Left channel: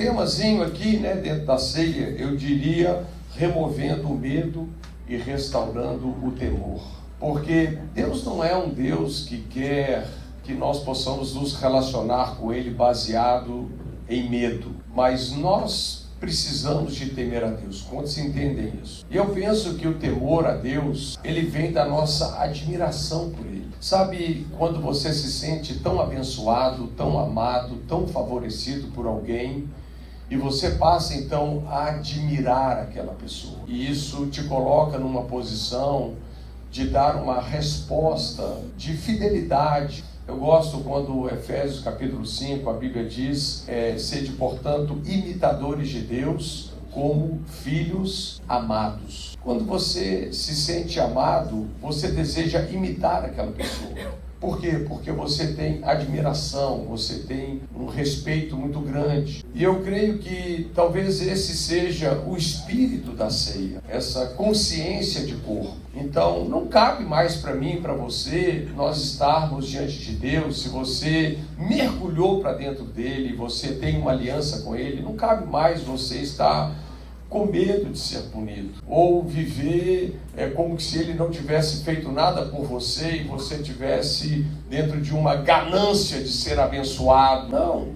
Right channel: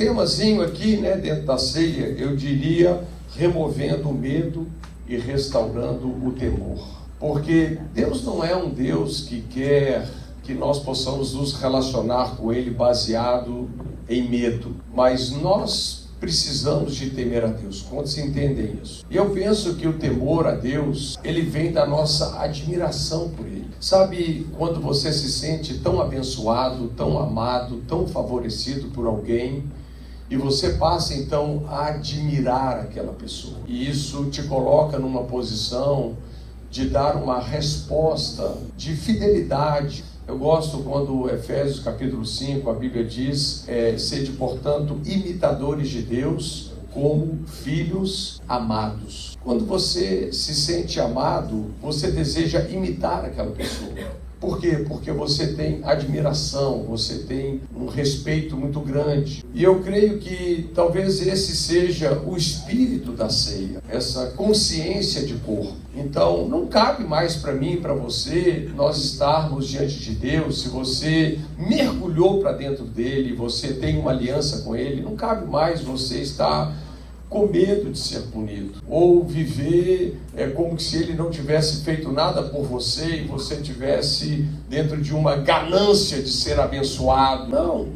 temazinho aqui, né, dentro da ceia, eu diria, removendo o medo e restaurando o temor. Porque Deus não é um Deus que quer que nós possamos nos relacionar com Ele baseado em medo, mas nós precisamos de temer a Deus. Quantos entendem isso? E eu penso que o temor a Deus, ele vem da nossa admiração por Ele. Sabe, quando você se sente tão abençoado, tão amado, tão favorecido por alguém, e você passa então a admirar aquela pessoa. E isso te coloca numa posição de dar uma resposta de fidelidade. Eu gosto quando Efésios capítulo 5, a Bíblia diz, sede, portanto, imitadores de Deus como filhos amados. Quando você se sente amado, você deseja imitar aquela pessoa. Por quê? Porque você tem admiração, você tem um respeito muito grande. E eu creio que talvez esse seja o espírito da ceia, essa consciência de corpo. Então, não cabe mais para mim e para você nós estarmos diante de Deus. Se você mergulhou para dentro dele, você tem uma aliança com ele, não cabe mais você estar com medo de ser punido, ou viver como se ele não tivesse feito nada por você e você tivesse dentro de uma ganância de ser abençoado. Não,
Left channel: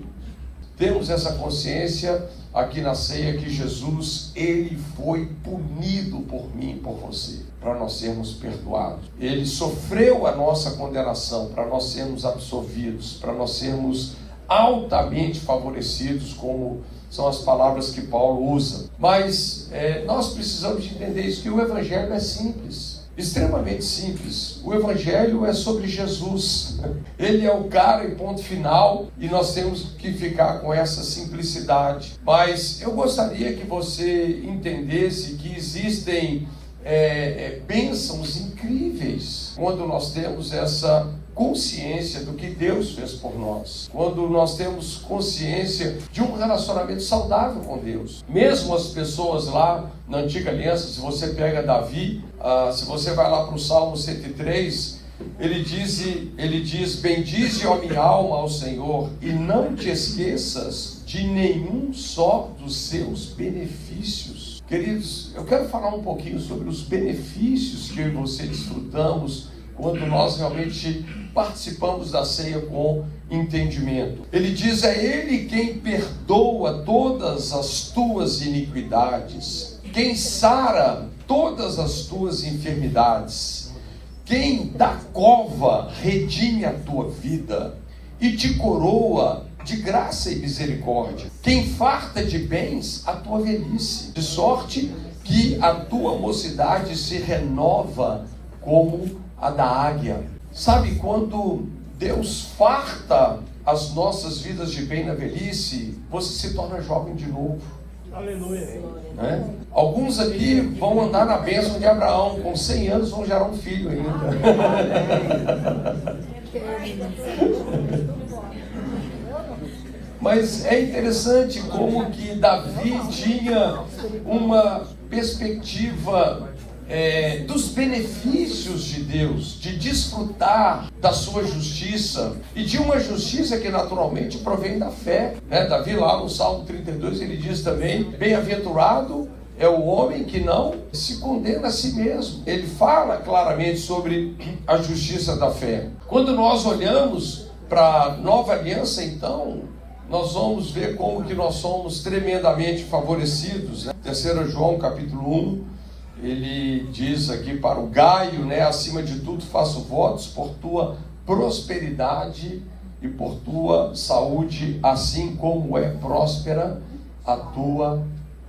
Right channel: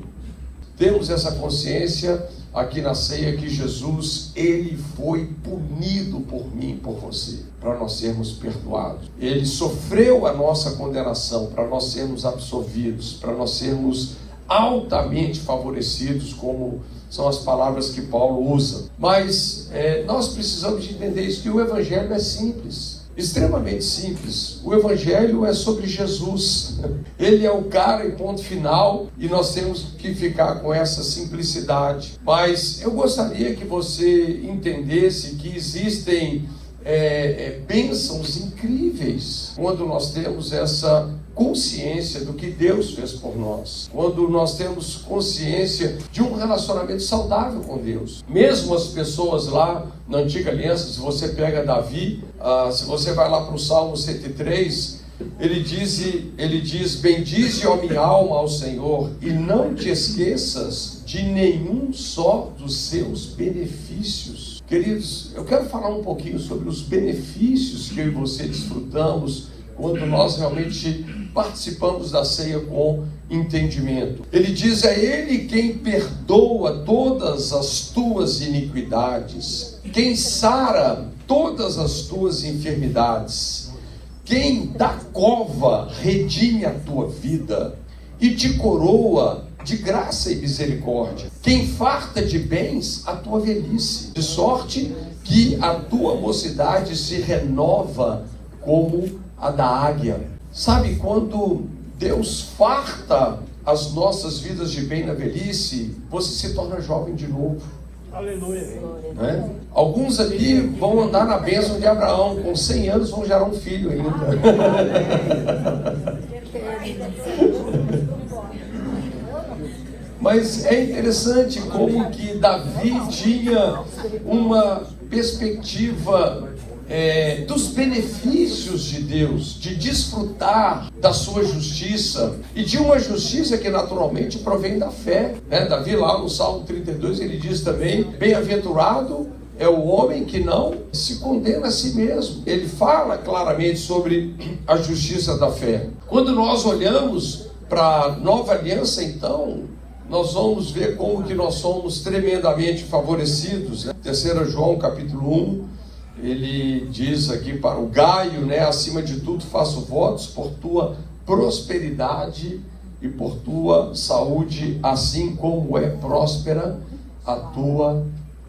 temos essa consciência aqui na ceia que Jesus, ele foi punido por mim e por você, para nós sermos perdoados. Ele sofreu a nossa condenação para nós sermos absolvidos, para nós sermos altamente favorecidos, como são as palavras que Paulo usa. Mas nós precisamos de entender isso, que o Evangelho é simples, extremamente simples. O Evangelho é sobre Jesus. Ele é o cara em ponto final, e nós temos que ficar com essa simplicidade. Mas eu gostaria que você entendesse que existem bênçãos incríveis quando nós temos essa consciência do que Deus fez por nós, quando nós temos consciência de um relacionamento saudável com Deus. Mesmo as pessoas lá na antiga aliança, se você pega Davi, se você vai lá para o Salmo 103, ele diz, bendize, ó minha alma, ao Senhor, e não te esqueças de nenhum só dos seus benefícios. Queridos, eu quero falar um pouquinho sobre os benefícios que eu e você desfrutamos quando nós realmente participamos da ceia com entendimento. Ele diz, é Ele quem perdoa todas as tuas iniquidades, quem sara todas as tuas enfermidades, quem da cova redime a tua vida e te coroa de graça e misericórdia, quem farta de bens a tua velhice, de sorte que a tua mocidade se renova como a da águia. Sabe, quando Deus farta as nossas vidas de bem na velhice, você se torna jovem de novo. Aleluia. Né? Alguns aqui vão andar na bênção de Abraão, com 100 anos vão gerar um filho ainda. Mas é interessante como que Davi tinha uma perspectiva dos benefícios de Deus, de desfrutar da sua justiça, e de uma justiça que naturalmente provém da fé, né? Davi lá no Salmo 32, ele diz também, bem-aventurado é o homem que não se condena a si mesmo. Ele fala claramente sobre a justiça da fé. Quando nós olhamos para a nova aliança, então, nós vamos ver como que nós somos tremendamente favorecidos, né? 3 João capítulo 1, ele diz aqui para o Gaio, né, acima de tudo faço votos por tua prosperidade e por tua saúde, assim como é próspera a tua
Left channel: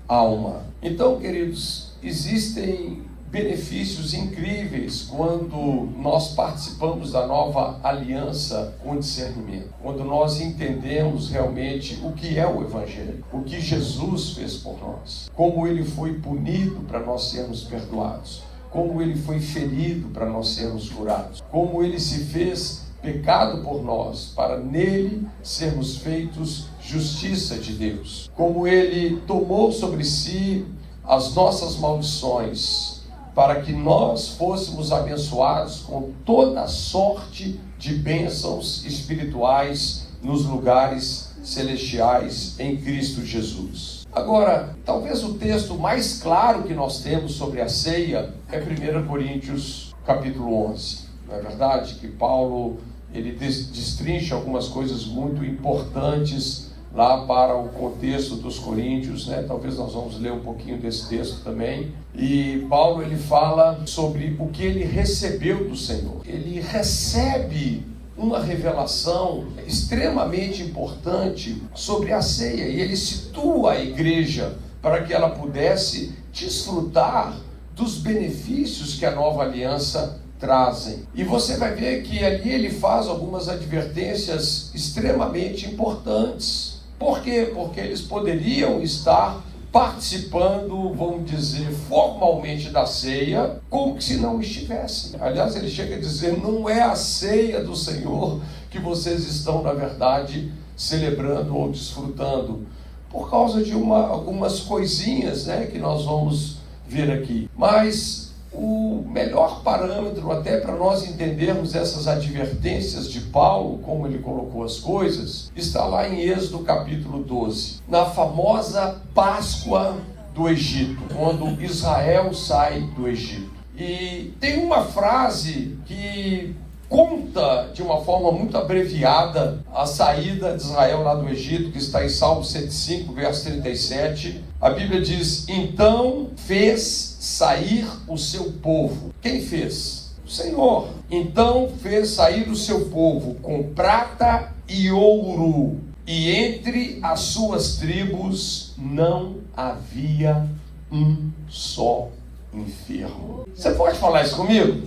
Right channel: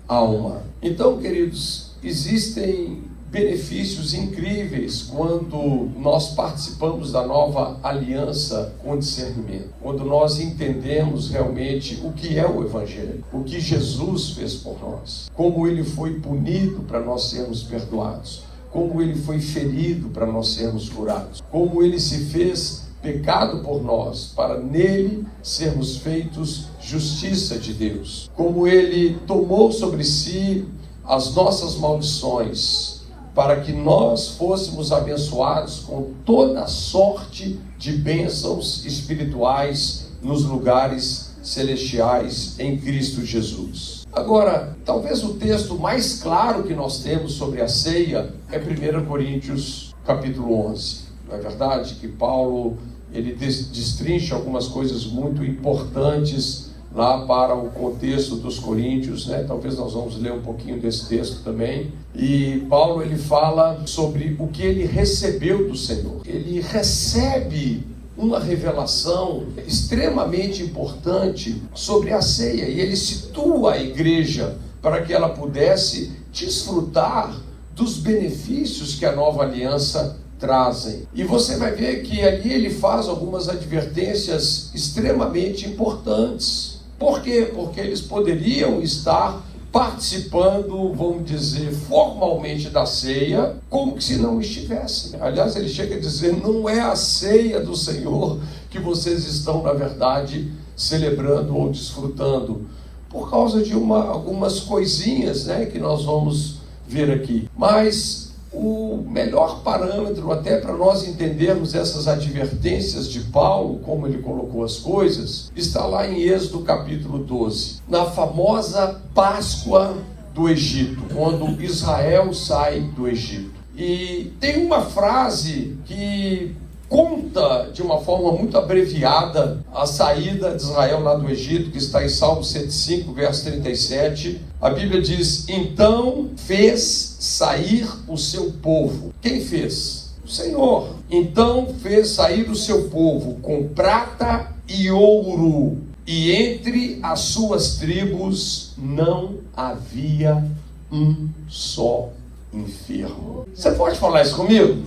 alma. Então, queridos, existem benefícios incríveis quando nós participamos da nova aliança com discernimento, quando nós entendemos realmente o que é o Evangelho, o que Jesus fez por nós, como ele foi punido para nós sermos perdoados, como ele foi ferido para nós sermos curados, como ele se fez pecado por nós, para nele sermos feitos justiça de Deus, como ele tomou sobre si as nossas maldições, para que nós fôssemos abençoados com toda sorte de bênçãos espirituais nos lugares celestiais em Cristo Jesus. Agora, talvez o texto mais claro que nós temos sobre a ceia é 1 Coríntios capítulo 11. Não é verdade que Paulo ele destrincha algumas coisas muito importantes lá para o contexto dos coríntios, né? Talvez nós vamos ler um pouquinho desse texto também. E Paulo ele fala sobre o que ele recebeu do Senhor. Ele recebe uma revelação extremamente importante sobre a ceia e ele situa a igreja para que ela pudesse desfrutar dos benefícios que a nova aliança trazem. E você vai ver que ali ele faz algumas advertências extremamente importantes. Por quê? Porque eles poderiam estar participando, vamos dizer, formalmente da ceia, como se não estivessem. Aliás, ele chega a dizer, não é a ceia do Senhor que vocês estão, na verdade, celebrando ou desfrutando, por causa de algumas coisinhas, né, que nós vamos ver aqui. Mas o melhor parâmetro até para nós entendermos essas advertências de Paulo, como ele colocou as coisas, está lá em Êxodo capítulo 12, na famosa Páscoa do Egito, quando Israel sai do Egito. E tem uma frase que conta de uma forma muito abreviada a saída de Israel lá do Egito, que está em Salmo 105, verso 37. A Bíblia diz, então fez sair o seu povo. Quem fez? O Senhor. Então fez sair o seu povo com prata e ouro, e entre as suas tribos não havia um só enfermo. Você pode falar isso comigo?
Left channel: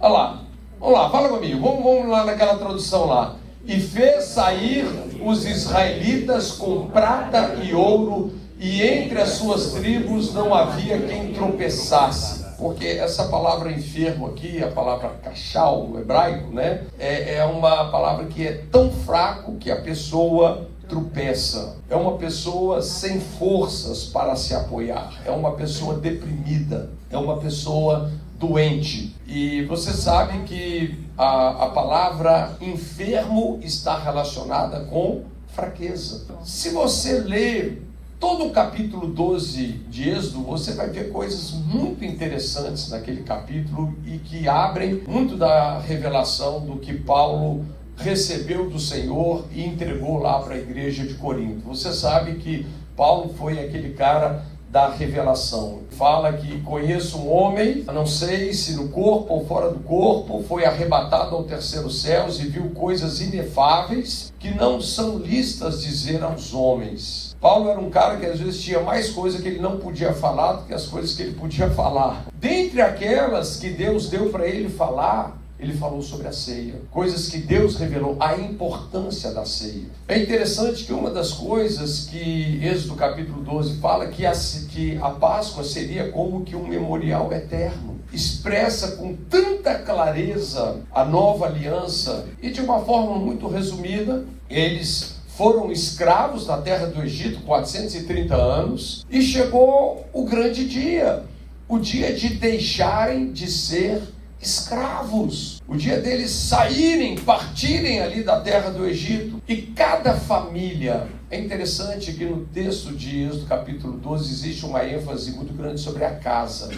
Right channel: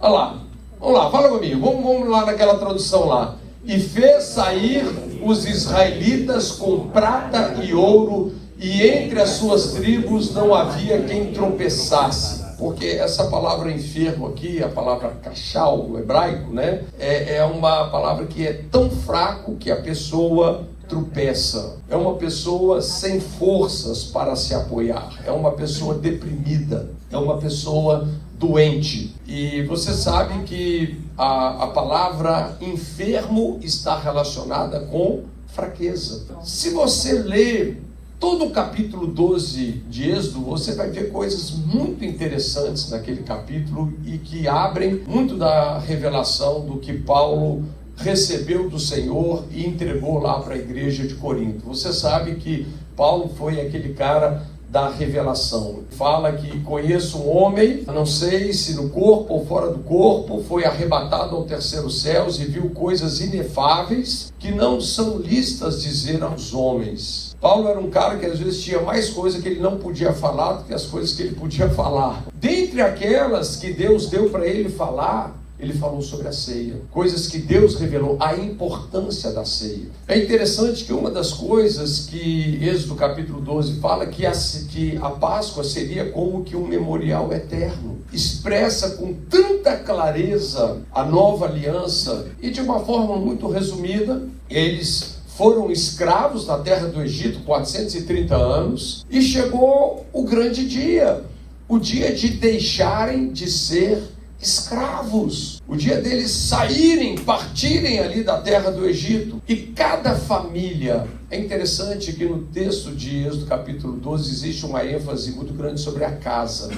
Olha lá. Vamos lá, fala comigo. Vamos lá naquela tradução lá. E fez sair os israelitas com prata e ouro, e entre as suas tribos não havia quem tropeçasse. Porque essa palavra enfermo aqui, a palavra cachal no hebraico, né? É uma palavra que é tão fraco que a pessoa tropeça. É uma pessoa sem forças para se apoiar. É uma pessoa deprimida. É uma pessoa doente. E você sabe que a palavra enfermo está relacionada com fraqueza. Se você ler todo o capítulo 12 de Êxodo, você vai ver coisas muito interessantes naquele capítulo e que abrem muito da revelação do que Paulo recebeu do Senhor e entregou lá para a igreja de Corinto. Você sabe que Paulo foi aquele cara da revelação. Fala que conheço um homem, não sei se no corpo ou fora do corpo, foi arrebatado ao terceiro céu e viu coisas inefáveis que não são listas dizer aos homens. Paulo era um cara que às vezes tinha mais coisa que ele não podia falar do que as coisas que ele podia falar. Dentre aquelas que Deus deu para ele falar, ele falou sobre a ceia, coisas que Deus revelou, a importância da ceia. É interessante que uma das coisas que Êxodo capítulo 12 fala que a Páscoa seria como que um memorial eterno, expressa com tanta clareza a nova aliança, e de uma forma muito resumida, eles foram escravos na terra do Egito 430 anos, e chegou o grande dia, o dia de deixarem de ser escravos, o dia deles saírem, partirem ali da terra do Egito. E cada família, é interessante que no texto de Êxodo capítulo 12 existe uma ênfase muito grande sobre a casa,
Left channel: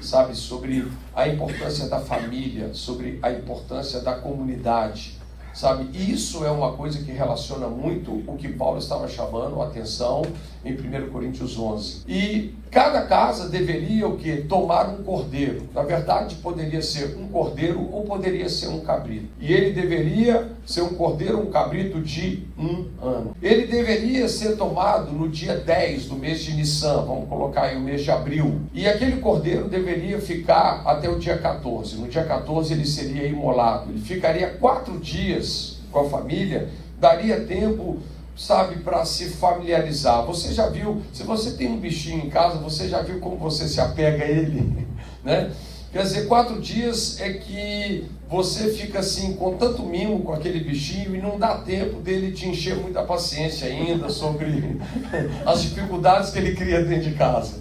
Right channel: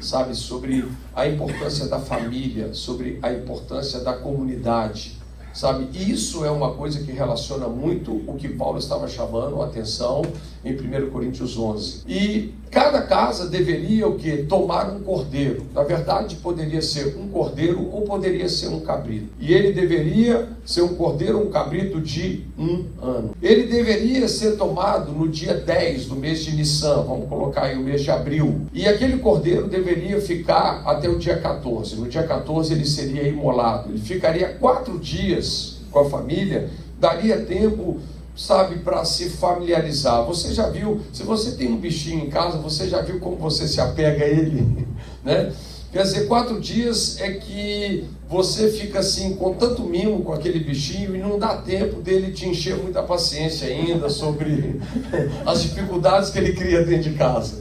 sabe, sobre a importância da família, sobre a importância da comunidade, sabe, isso é uma coisa que relaciona muito o que Paulo estava chamando a atenção em 1 Coríntios 11. E cada casa deveria o quê? Tomar um cordeiro. Na verdade, poderia ser um cordeiro ou poderia ser um cabrito. E ele deveria ser um cordeiro ou um cabrito de 1 ano. Ele deveria ser tomado no dia 10 do mês de Nissan, vamos colocar aí o mês de abril. E aquele cordeiro deveria ficar até o dia 14. No dia 14 ele seria imolado. Ele ficaria 4 dias com a família, daria tempo, sabe, para se familiarizar. Você já viu, se você tem um bichinho em casa, você já viu como você se apega a ele, né? Quer dizer, 4 dias é que você fica assim, com tanto mimo com aquele bichinho e não dá tempo dele te encher muita paciência ainda sobre as dificuldades que ele cria dentro de casa.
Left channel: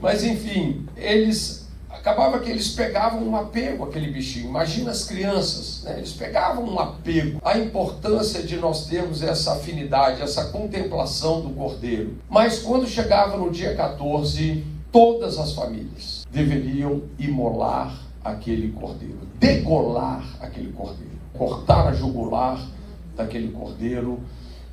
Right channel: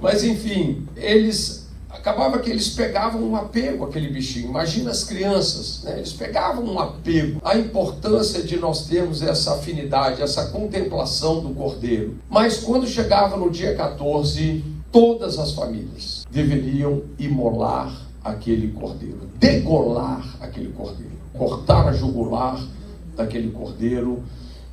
Mas enfim, eles acabava que eles pegavam um apego àquele bichinho. Imagina as crianças, né? Eles pegavam um apego. A importância de nós termos essa afinidade, essa contemplação do cordeiro. Mas quando chegava no dia 14, todas as famílias deveriam imolar aquele cordeiro, degolar aquele cordeiro, cortar a jugular daquele cordeiro,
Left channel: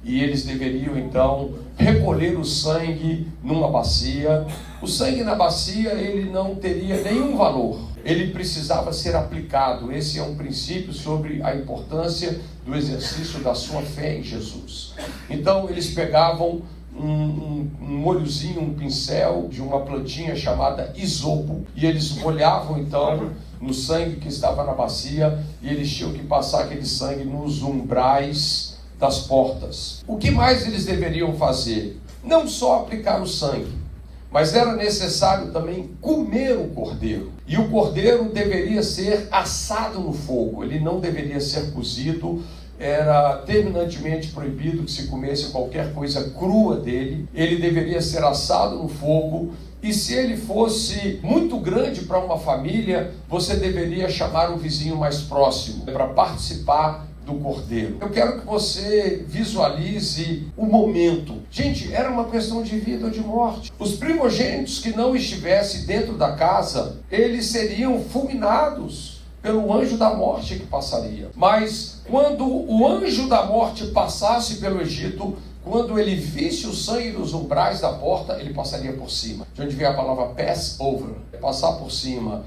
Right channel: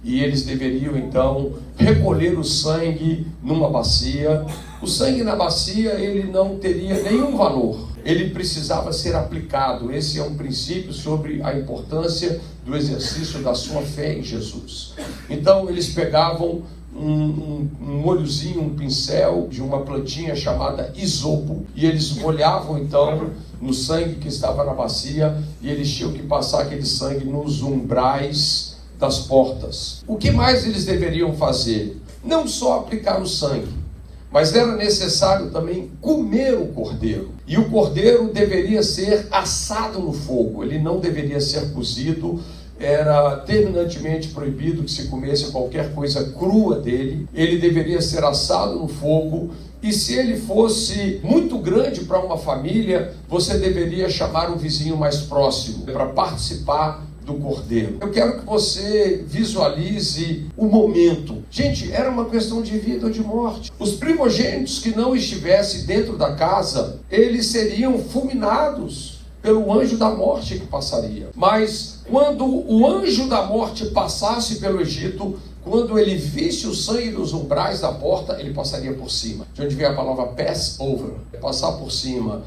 e eles deveriam então recolher o sangue numa bacia. O sangue na bacia, ele não teria nenhum valor, ele precisava ser aplicado. Esse é um princípio sobre a importância do exercício da sua fé em Jesus. Então eles pegavam um olhozinho, um pincel de uma plantinha chamada isopo, e eles molhavam então no sangue que estava na bacia, e eles tinham que passar aquele sangue nos umbrais das portas. O que mais eles deveriam fazer? Não só aplicar o sangue, mas era necessário também comer o cordeiro. E o cordeiro deveria ser assado no fogo, ele não deveria ser cozido. Era terminantemente proibido que se comesse qualquer coisa crua dele. Ele deveria ser assado no fogo. E se ele fosse muito grande para uma família, você deveria chamar o vizinho mais próximo para participar do cordeiro. Eu quero que você visualize o momento. Gente, era uma questão de vida ou de morte. Os primogênitos que não estivessem dentro da casa, eles seriam fulminados pelo anjo da morte que passaria. Mas quando o anjo da morte passasse pelo Egito, quando ele visse o sangue dos umbrais da porta, ele passaria por cima. De onde vem a palavra pass over, passar por cima.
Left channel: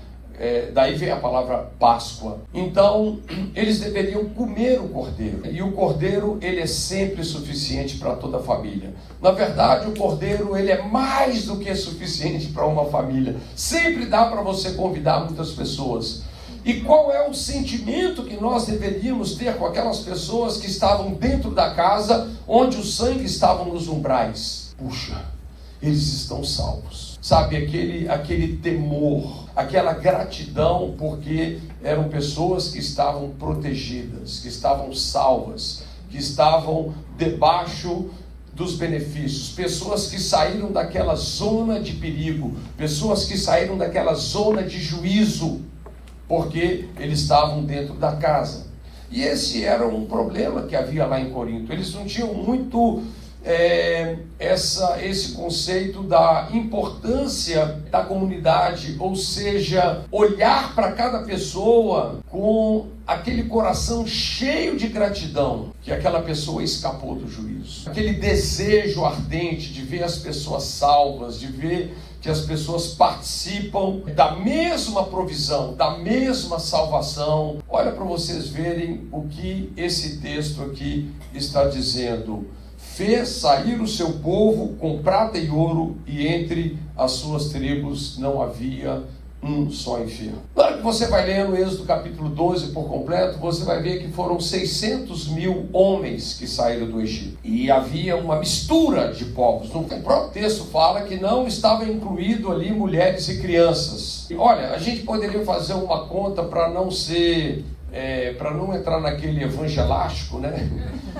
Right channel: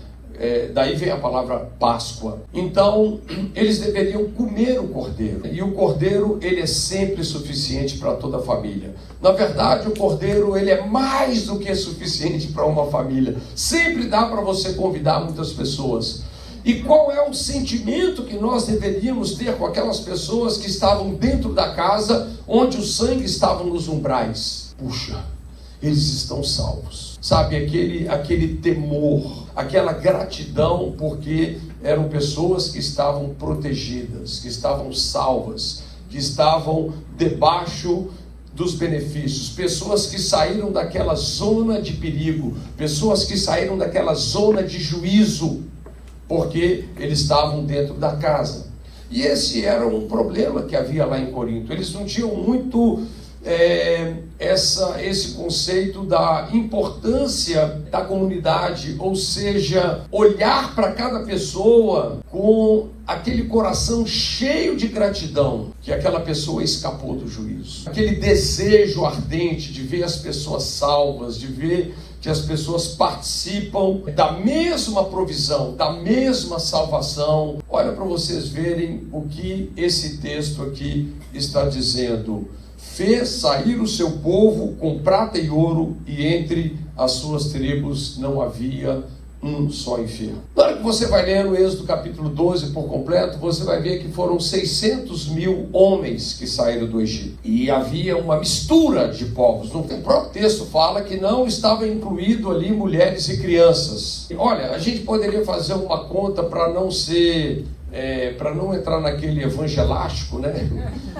Daí vem a palavra Páscoa. Então, eles deveriam comer o cordeiro. E o cordeiro, ele é sempre suficiente para toda a família. Na verdade, o cordeiro, ele é mais do que suficiente para uma família. Sempre dá para você convidar muitas pessoas. E qual é o sentimento que nós deveríamos ter com aquelas pessoas que estavam dentro da casa, onde o sangue estava nos umbrais? Puxa, eles estão salvos. Sabe, aquele temor, aquela gratidão, porque eram pessoas que estavam protegidas, que estavam salvas, que estavam debaixo dos benefícios, pessoas que saíram daquela zona de perigo, pessoas que saíram daquela zona de juízo, porque eles estavam dentro da casa. E esse era um problema que havia lá em Corinto. Eles não tinham muito esse conceito da importância da comunidade, ou seja, olhar para cada pessoa com aquele coração cheio de gratidão que aquela pessoa escapou do juízo, aquele desejo ardente de ver as pessoas salvas, de ver que as pessoas participam da mesma provisão, da mesma salvação. Olha para vocês verem o que esse texto aqui está dizendo. Fez sair o seu povo com prata e ouro, e entre as suas tribos não havia um só enfermo. Na hora que você vai ler no Êxodo capítulo 12 por completo, você vai ver que foram 600.000 homens que saíram do Egito. E havia uma mistura de povos. O próprio texto fala que não estava incluído ali mulheres e crianças. E, olha, a gente poderia fazer uma conta para não ser, para não entrar naquele evangelástico, né?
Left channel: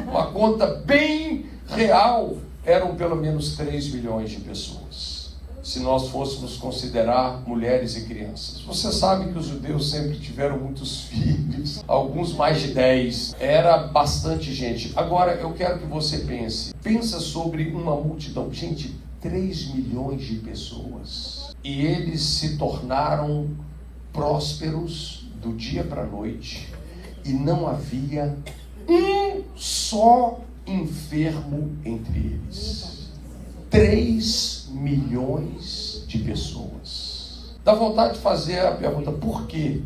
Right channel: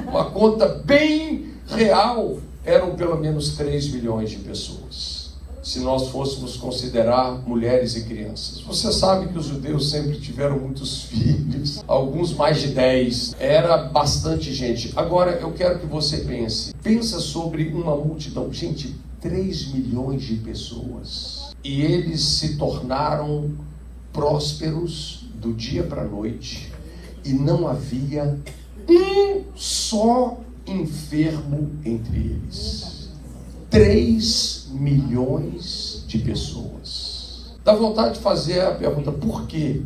Uma conta bem real, eram pelo menos 3 milhões de pessoas, se nós fôssemos considerar mulheres e crianças. Você sabe que os judeus sempre tiveram muitos filhos, alguns mais de 10, era bastante gente. Agora eu quero que você pensa sobre uma multidão, gente, 3 milhões de pessoas, e eles se tornaram prósperos do dia para a noite, e não havia um só enfermo entre eles. 3 milhões de pessoas. Dá vontade de fazer a pergunta, por quê?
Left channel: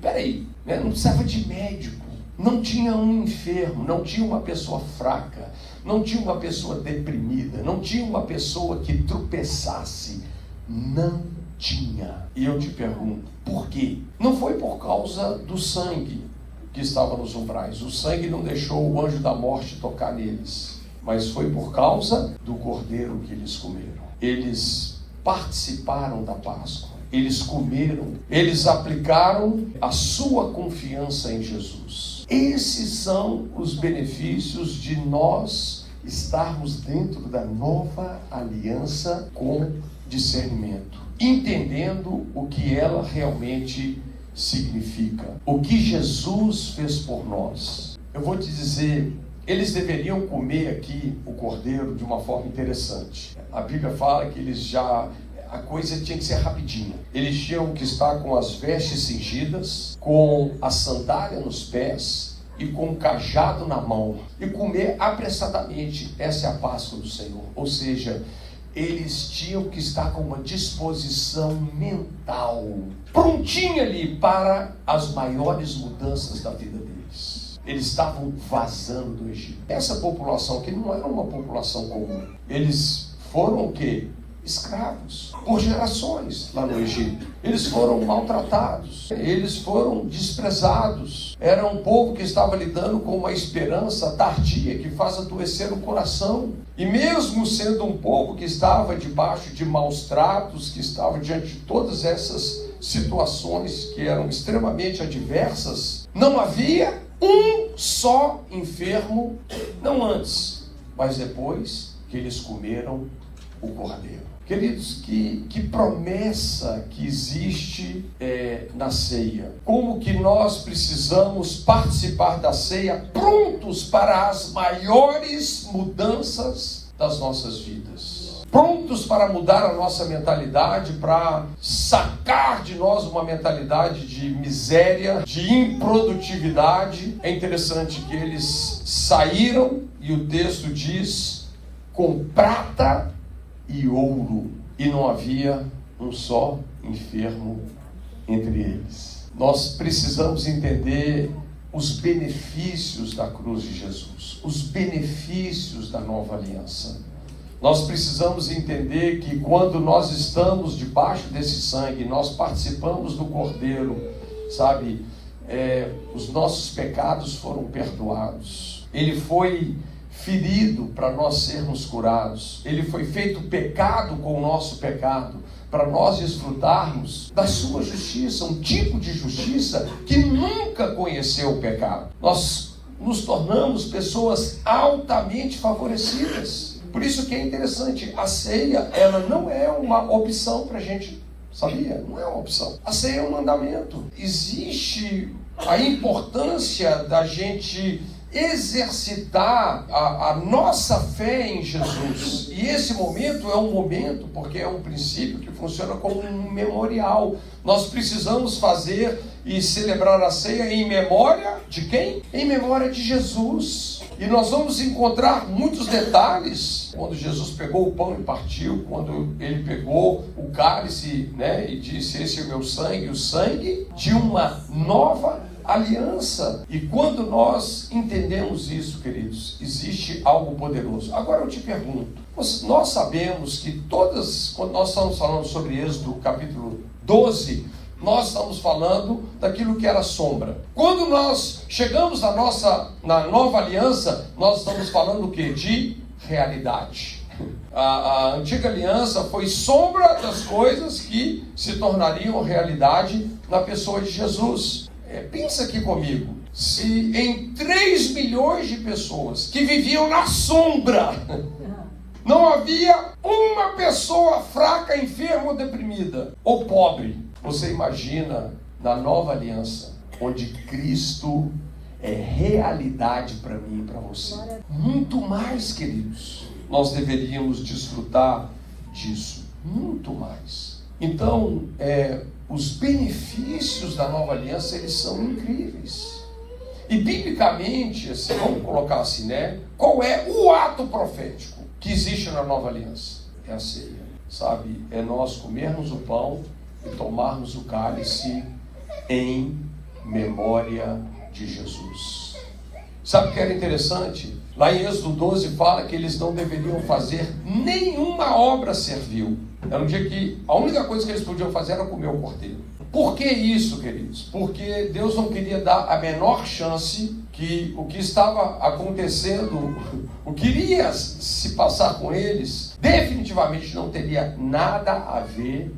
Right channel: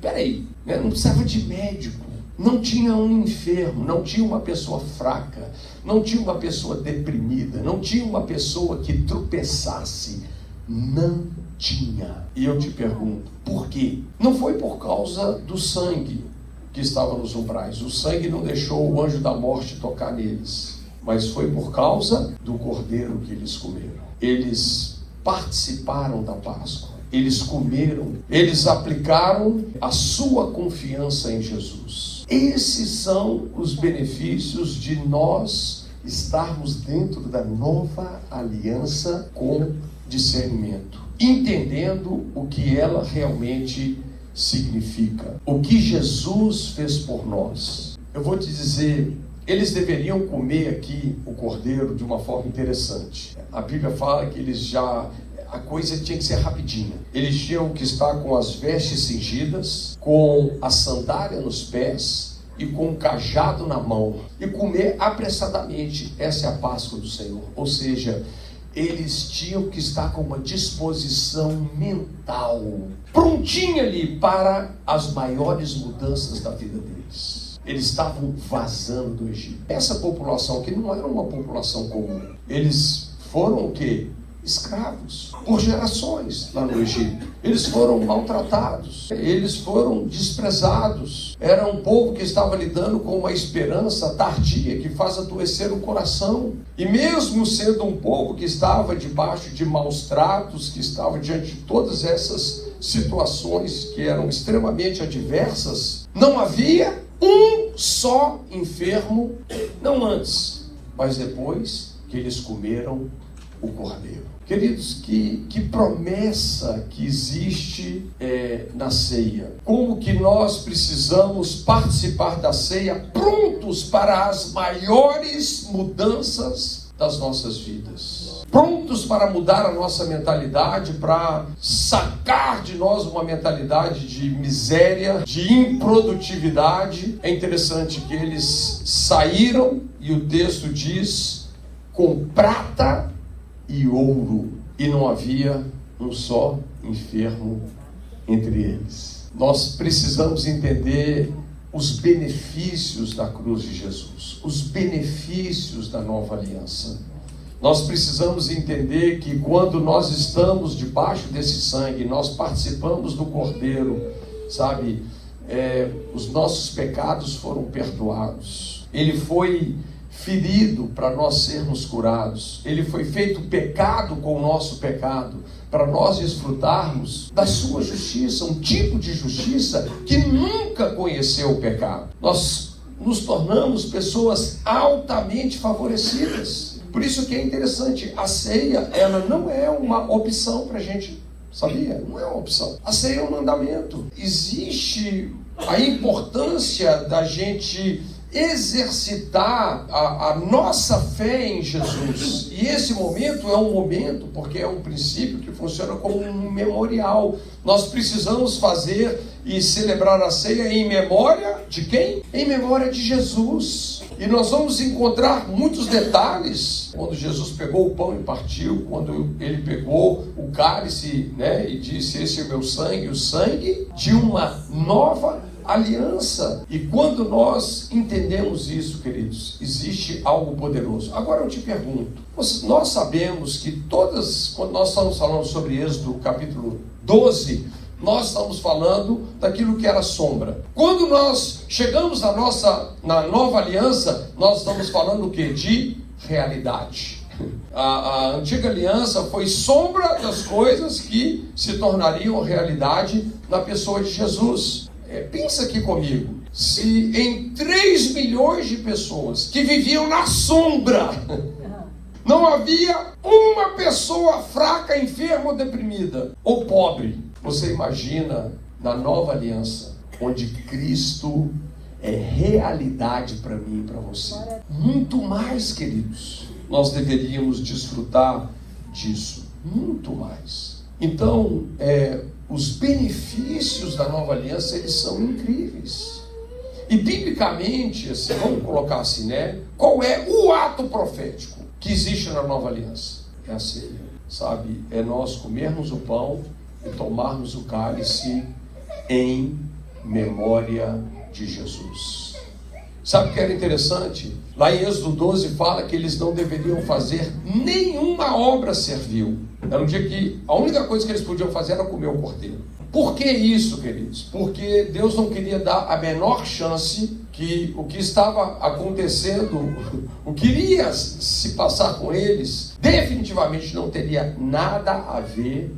Peraí, né? Não precisava de médico, não tinha um enfermo, não tinha uma pessoa fraca, não tinha uma pessoa deprimida, não tinha uma pessoa que tropeçasse, não tinha. E eu te pergunto, por quê? Não foi por causa do sangue que estava nos umbrais. O sangue não deixou o anjo da morte tocar neles, mas foi por causa do cordeiro que eles comeram. Eles participaram da Páscoa, eles comeram, eles aplicaram a sua confiança em Jesus. Esses são os benefícios de nós estarmos dentro da nova aliança com discernimento, entendendo o que ela realmente significa, o que Jesus fez por nós. Eu vou te dizer, eles deveriam comer aqui o cordeiro de uma forma interessante. A Bíblia fala que a coisa tinha que ser rapidinha. Eles tinham que estar com as vestes cingidas, com a sandália nos pés e com o cajado na mão, e comer apressadamente. Essa é a Páscoa do Senhor. Ou seja, eles tinham que estar com uma disposição mental prontinha ali para as maiores mudanças da vida deles. Eles estavam vazando do Egito. Essa população que não era uma população comum. Eles foram o quê? Escravos por gerações lá no Egito. Eles foram maltratados, eles foram desprezados. Era um povo que estava lidando com uma esperança tardia que faz adoecer o coração. E mesmo sendo um povo que estava debaixo de maus tratos, que estava diante de todas essas situações que eram extremamente adversas, não havia um só enfermo, não antes, mas depois que eles comeram o cordeiro. Queridos, que promessa que existe na ceia. Como que nós precisamos participar da ceia prontos para as maiores mudanças das nossas vidas. Prontos para mudar a nossa mentalidade, para sacar de nós uma mentalidade de miséria, de improdutividade. É interessante que eles saíram, e o texto diz, com prata e ouro, e não havia um só enfermo entre eles. Nós precisamos entender os benefícios da cruz de Jesus, os benefícios da nova aliança. Nós precisamos entender que quando nós estamos debaixo desse sangue, nós participamos do Cordeiro, sabe? Os nossos pecados foram perdoados. Ele foi ferido para nós sermos curados. Ele foi feito pecado com o nosso pecado, para nós desfrutarmos da sua justiça, um tipo de justiça que nunca conheceu o pecado. Nós nos tornamos pessoas altamente favorecidas. Por isso que é interessante, a ceia, ela não é uma opção para a gente, sabia? Não é uma opção. A ceia é um mandamento. Existe a importância da gente exercitar a nossa fé em Jesus. E esse momento é um momento, porque é um princípio que funciona como um memorial. Nós precisamos fazer e celebrar a ceia em memória de quem? Em memória de Jesus. E nós vamos encontrar muitos detalhes. Quando Jesus pegou o pão e partiu, quando ele pegou o cálice, né, e disse: esse é o meu sangue, o sangue de uma nova aliança. E quando nós entendemos isso, queridos, existe algo poderoso. Agora eu te pergunto, nós sabemos que quando nós estamos falando sobre Êxodo capítulo 12, nós estamos falando daquilo que era sombra. Quando nós chegamos na nova aliança, nós estamos falando o quê? De realidade. A antiga aliança foi sombra das coisas que se tornariam realidade na pessoa de Jesus. Pensa aqui comigo, se em 3 milhões de pessoas que viviam na sombra, não havia uma pessoa fraca, enferma ou deprimida, ou pobre, você imagina na nova aliança, onde Cristo é realidade para mim e para você. Muito mais, queridos, nós deveríamos desfrutar disso, muito mais. Então, os benefícios da nova aliança, eles são incríveis. E biblicamente, assim, vamos colocar assim, né? Qual é o ato profético que existe na nova aliança? É a ceia, sabe? É nós comermos o pão e tomarmos o cálice em memória de Jesus. Sabe o que era interessante? Lá em Êxodo 12 fala que eles não deveriam fazer nenhuma obra servil. Era um dia que a única coisa que eles podiam fazer era comer o cordeiro. Por que isso, queridos? Porque Deus não queria dar a menor chance que o que estava acontecendo, o que iria se passar com eles, definitivamente não teria nada a ver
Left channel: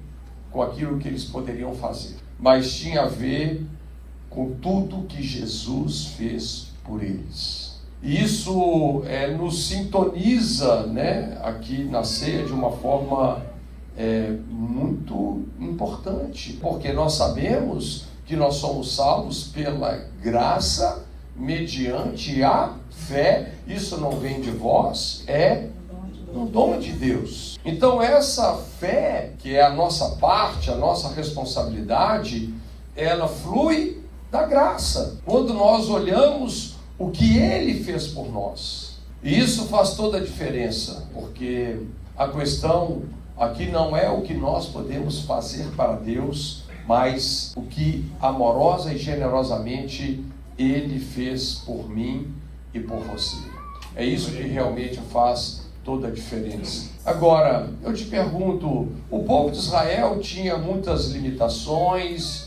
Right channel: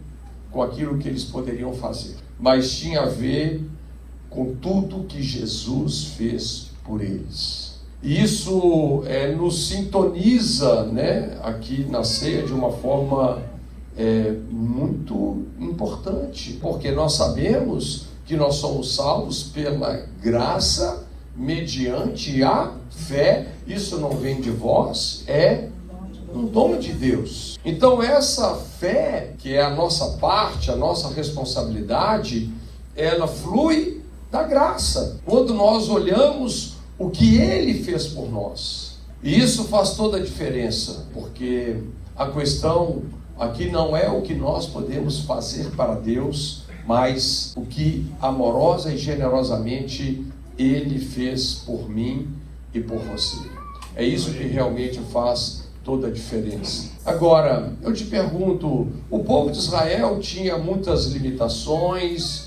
com aquilo que eles poderiam fazer, mas tinha a ver com tudo que Jesus fez por eles. E isso nos sintoniza, né, aqui na ceia de uma forma muito importante, porque nós sabemos que nós somos salvos pela graça, mediante a fé. Isso não vem de vós, é um dom de Deus. Então essa fé, que é a nossa parte, a nossa responsabilidade, ela flui da graça, quando nós olhamos o que Ele fez por nós. E isso faz toda a diferença, porque a questão aqui não é o que nós podemos fazer para Deus, mas o que amorosa e generosamente Ele fez por mim e por você. É isso que realmente faz toda a diferença. Agora, eu te pergunto, o povo de Israel tinha muitas limitações,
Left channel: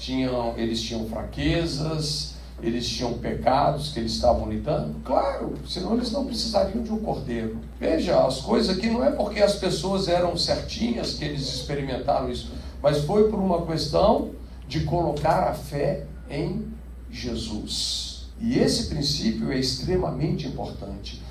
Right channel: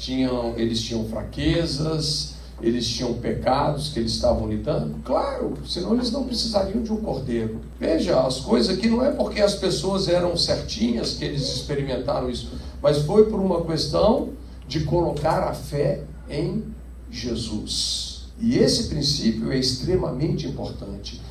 eles tinham fraquezas, eles tinham pecados que eles estavam lidando? Claro, senão eles não precisariam de um cordeiro. Veja, as coisas aqui não é porque as pessoas eram certinhas que eles experimentaram isso, mas foi por uma questão de colocar a fé em Jesus. E esse princípio é extremamente importante.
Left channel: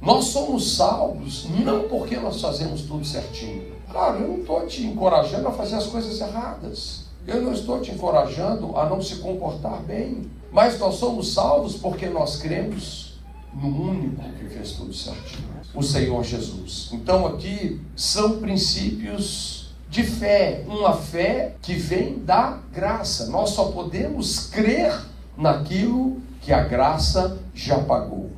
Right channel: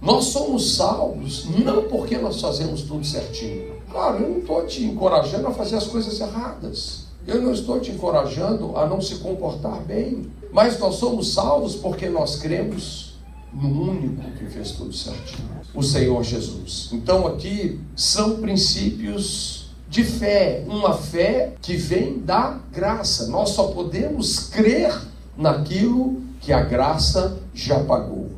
Nós somos salvos não porque nós fazemos tudo certinho. Claro, eu não estou te encorajando a fazer as coisas erradas. Eu não estou te encorajando a não se comportar bem. Mas nós somos salvos porque nós cremos no único que fez tudo certinho, o Senhor Jesus. Então aqui são princípios de fé, uma fé que vem da graça. Nós só podemos crer naquilo que a graça já pagou.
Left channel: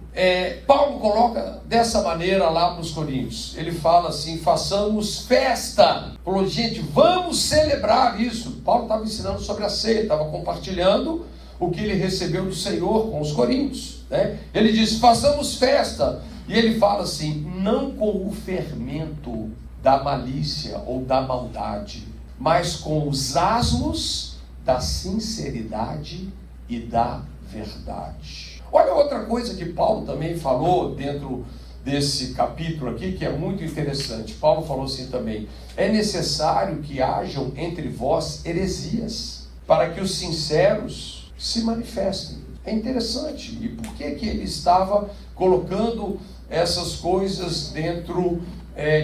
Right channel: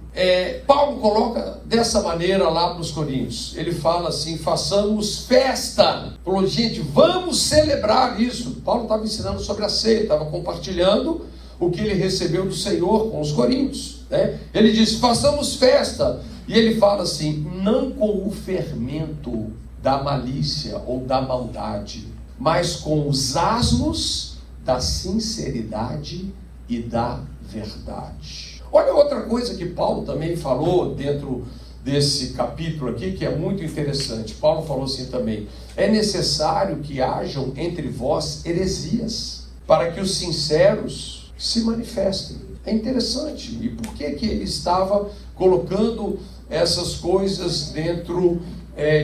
Paulo coloca dessa maneira lá para os Coríntios. Ele fala assim: façamos festa. Falou, gente, vamos celebrar isso. Paulo estava ensinando sobre a ceia, estava compartilhando o que ele recebeu do Senhor com os Coríntios, né? Ele diz, façamos festa. E ele fala assim, não com o fermento da malícia ou da maldade, mas com os asmos da sinceridade e da verdade. Olha outra coisa que Paulo também falou dentro desse capítulo aqui, que é muito interessante. Paulo falou assim também, é necessário que hajam entre vós heresias, para que os sinceros se manifestem. É interessante. E por que ele estava colocando essas coisas dentro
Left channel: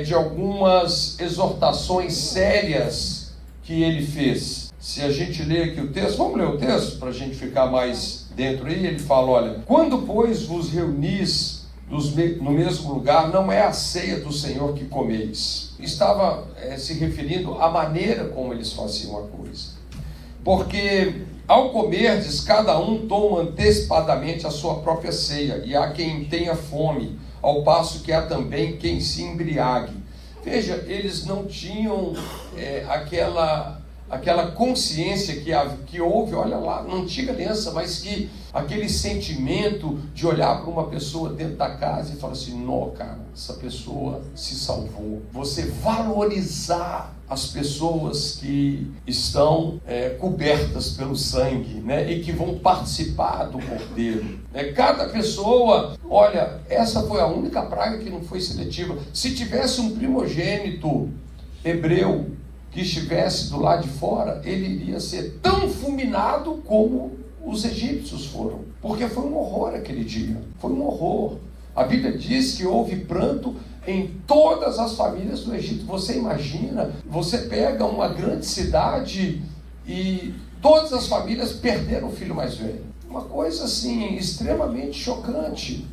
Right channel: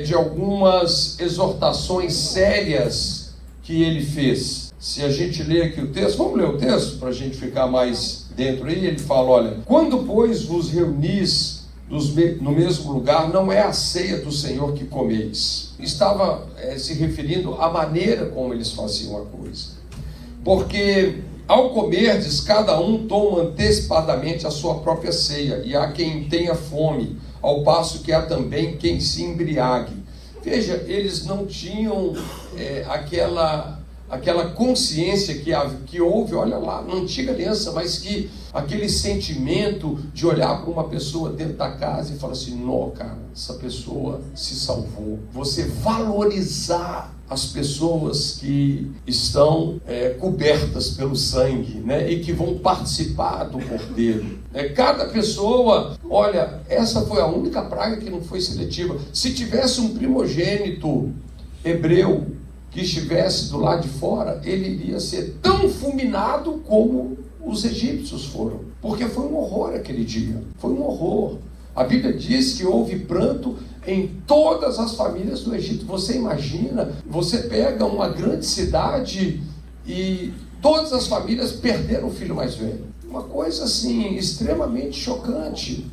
de algumas exortações sérias que ele fez? Se a gente ler aqui o texto, vamos ler o texto para a gente ficar mais dentro aí. Ele fala, olha, quando pois vos reunis no mesmo lugar, não é a ceia do Senhor que comeis. Estava se referindo à maneira como eles faziam a coisa. Porque ao comerdes, cada um toma antecipadamente a sua própria ceia, e há quem tenha fome, ao passo que há também quem se embriague. Veja, eles não tinham aquela consciência que houve, olha lá, na antiga aliança, mas que aquele sentimento de olhar para uma pessoa dentro da casa e falar assim, não, cara, essa pessoa se salvou. Você valorizar as pessoas que estão cobertas pelo sangue, né, e que vão participar do cordeiro. Cada pessoa, olha, essa foi a única praga que não foi seletiva. Se tivesse um primogênito hebreu que estivesse do lado de fora, ele iria ser tão fulminado como os egípcios foram, porque foi um horror aquele dia, foi um horror. A Bíblia diz que houve pranto em todas as famílias do Egito. Você imagina, você pega uma grande cidade e todas as famílias perderam o filho mais velho. Uma coisa assim, extremamente chocante,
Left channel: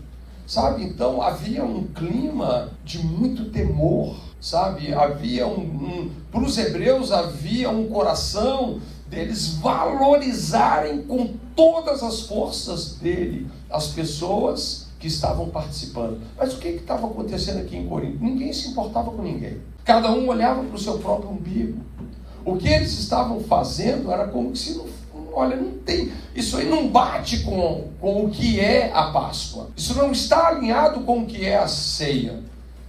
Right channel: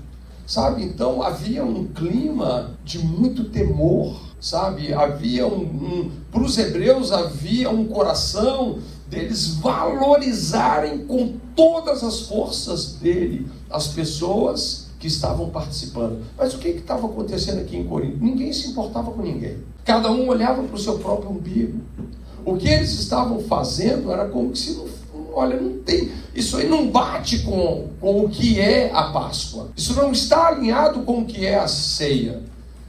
sabe? Então havia um clima de muito temor, sabe? Havia para os hebreus havia um coração deles valorizarem com todas as forças dele as pessoas que estavam participando. Mas o que estava acontecendo aqui em Corinto? Ninguém se importava com ninguém. Cada um olhava para o seu próprio umbigo. O que eles estavam fazendo era como se olha, não tem, isso aí não bate com o que é a Páscoa. Isso não está alinhado com o que é a ceia.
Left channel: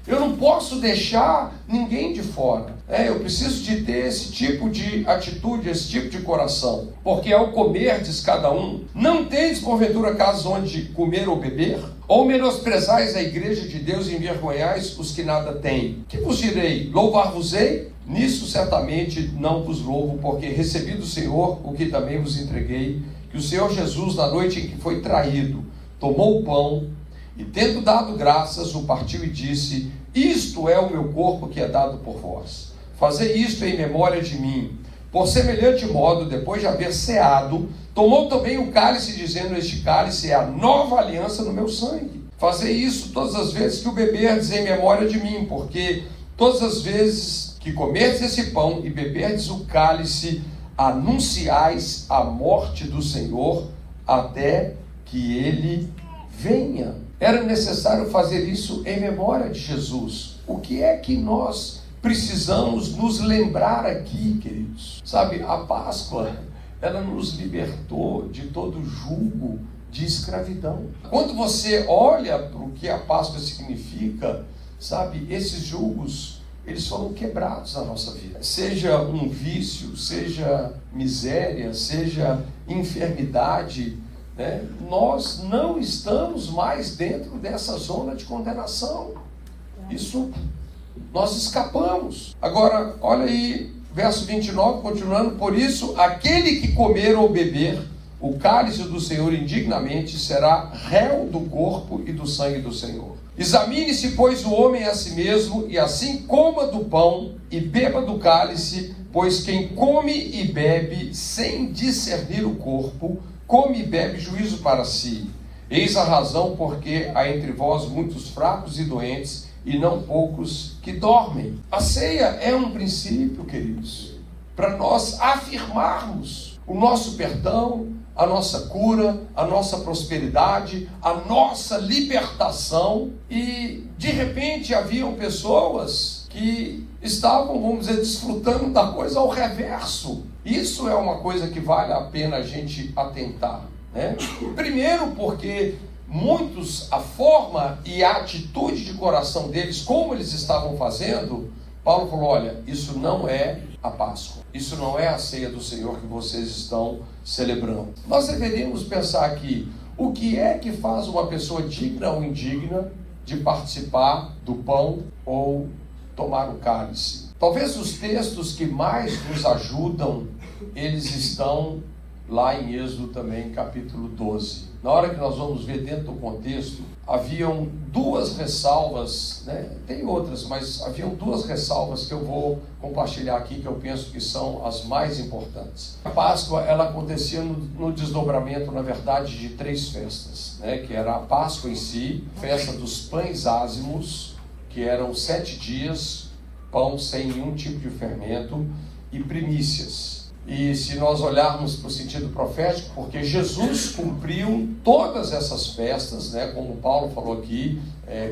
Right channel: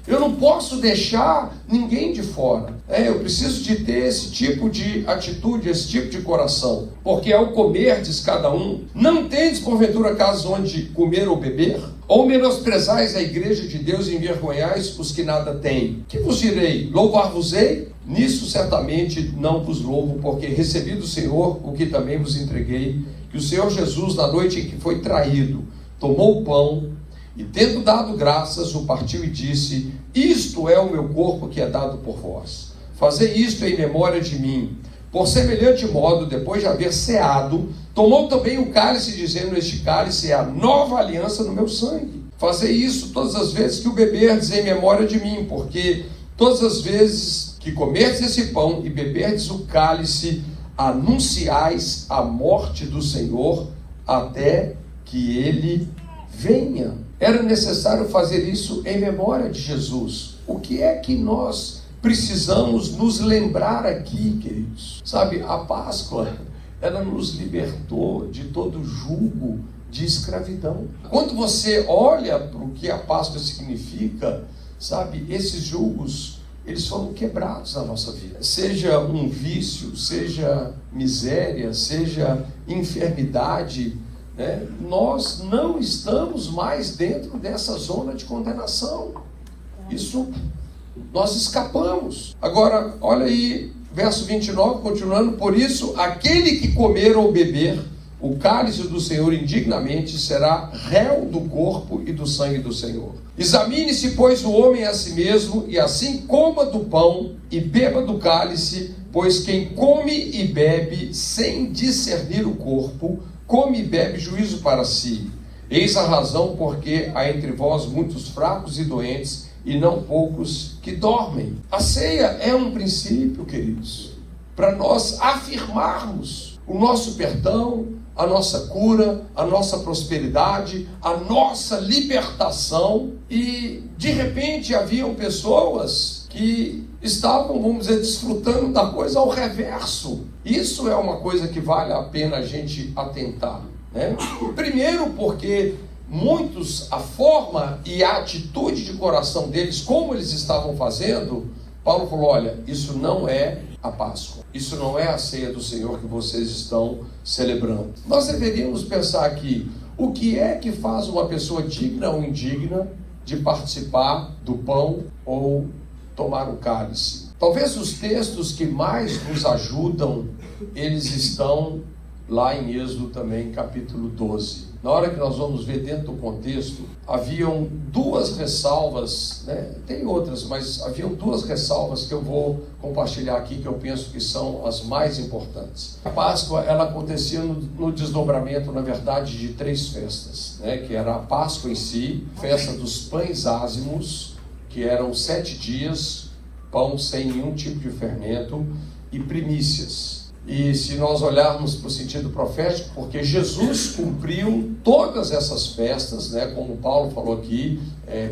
Eu não posso deixar ninguém de fora. Eu preciso de ter esse tipo de atitude, esse tipo de coração. Porque ao comerdes cada um, não tendes porventura casa onde comer ou beber? Ou menosprezais a igreja de Deus e envergonhais os que nada têm? Que vos direi? Louvar-vos-ei? Nisso certamente não vos louvo, porque recebi do Senhor o que também vos entreguei, que o Senhor Jesus, na noite em que foi traído, tomou o pão E tendo dado graças, o partiu e disse: isto é o meu corpo que é dado por vós. Fazei isto em memória de mim. Por semelhante modo, depois de haver ceado, tomou também o cálice, dizendo: este cálice é a nova aliança no meu sangue. Fazei isso todas as vezes que o beberdes em memória de mim, porque todas as vezes que comerdes esse pão e beberdes o cálice, anunciais a morte do Senhor até que ele venha. Era necessário fazer isso em memória de Jesus. O que é que nós precisamos nos lembrar aqui, queridos? Sabe, a Páscoa, ela nos libertou de todo jugo de escravidão. Quando você olha para o que a Páscoa significa, sabe, esses julgos, eles foram quebrados na nossa vida. Seja um vício, seja miséria, seja enfermidade, né? Nós não estamos mais dentro dessa zona de condenação. Isso nós escapamos. Agora, olha aí, verso 29, continuando: por isso, aquele que comer ou beber o cálice do Senhor indignamente será réu do corpo e do sangue do Senhor. Examine-se, pois, o homem a si mesmo, e assim coma do pão e beba do cálice, pois quem come e bebe sem discernir o corpo, come e bebe juízo para si. Eis a razão porque há entre vós muitos fracos e doentes, e não poucos que dormem. A ceia é um princípio, queridos, para nós afirmarmos o nosso perdão, a nossa cura, a nossa prosperidade, a nossa libertação. E de repente haviam pessoas que estavam, vamos dizer, desfrutando da coisa ao reverso. Isso é uma coisa que vale a pena a gente atentar, né? Primeiro porque muitos, a forma e a atitude de coração deles, como eles estavam fazendo, Paulo falou: olha, isso não é a Páscoa, isso não é a ceia do Senhor que vocês estão celebrando. Nós deveríamos pensar aqui, o que é que faz uma pessoa digna ou indigna de participar do pão ou tomar o cálice? Talvez os textos que mais nos ajudam, eles estão lá em Êxodo também, capítulo 12. Na hora que nós vamos ver dentro do contexto, haviam duas ressalvas, né? Tem outras, mas haviam duas ressalvas que eu vou compartilhar aqui, que eu penso que são as mais importantes. A Páscoa, ela acontecia no desdobramento, na verdade, de três festas, né? Que era a Páscoa em si, festa dos pães ázimos, que eram 7 dias, pão sem nenhum tipo de fermento, e primícias. E se nós olharmos para o sentido profético, porque Jesus cumpriu todas essas festas, né? Como Paulo falou aqui,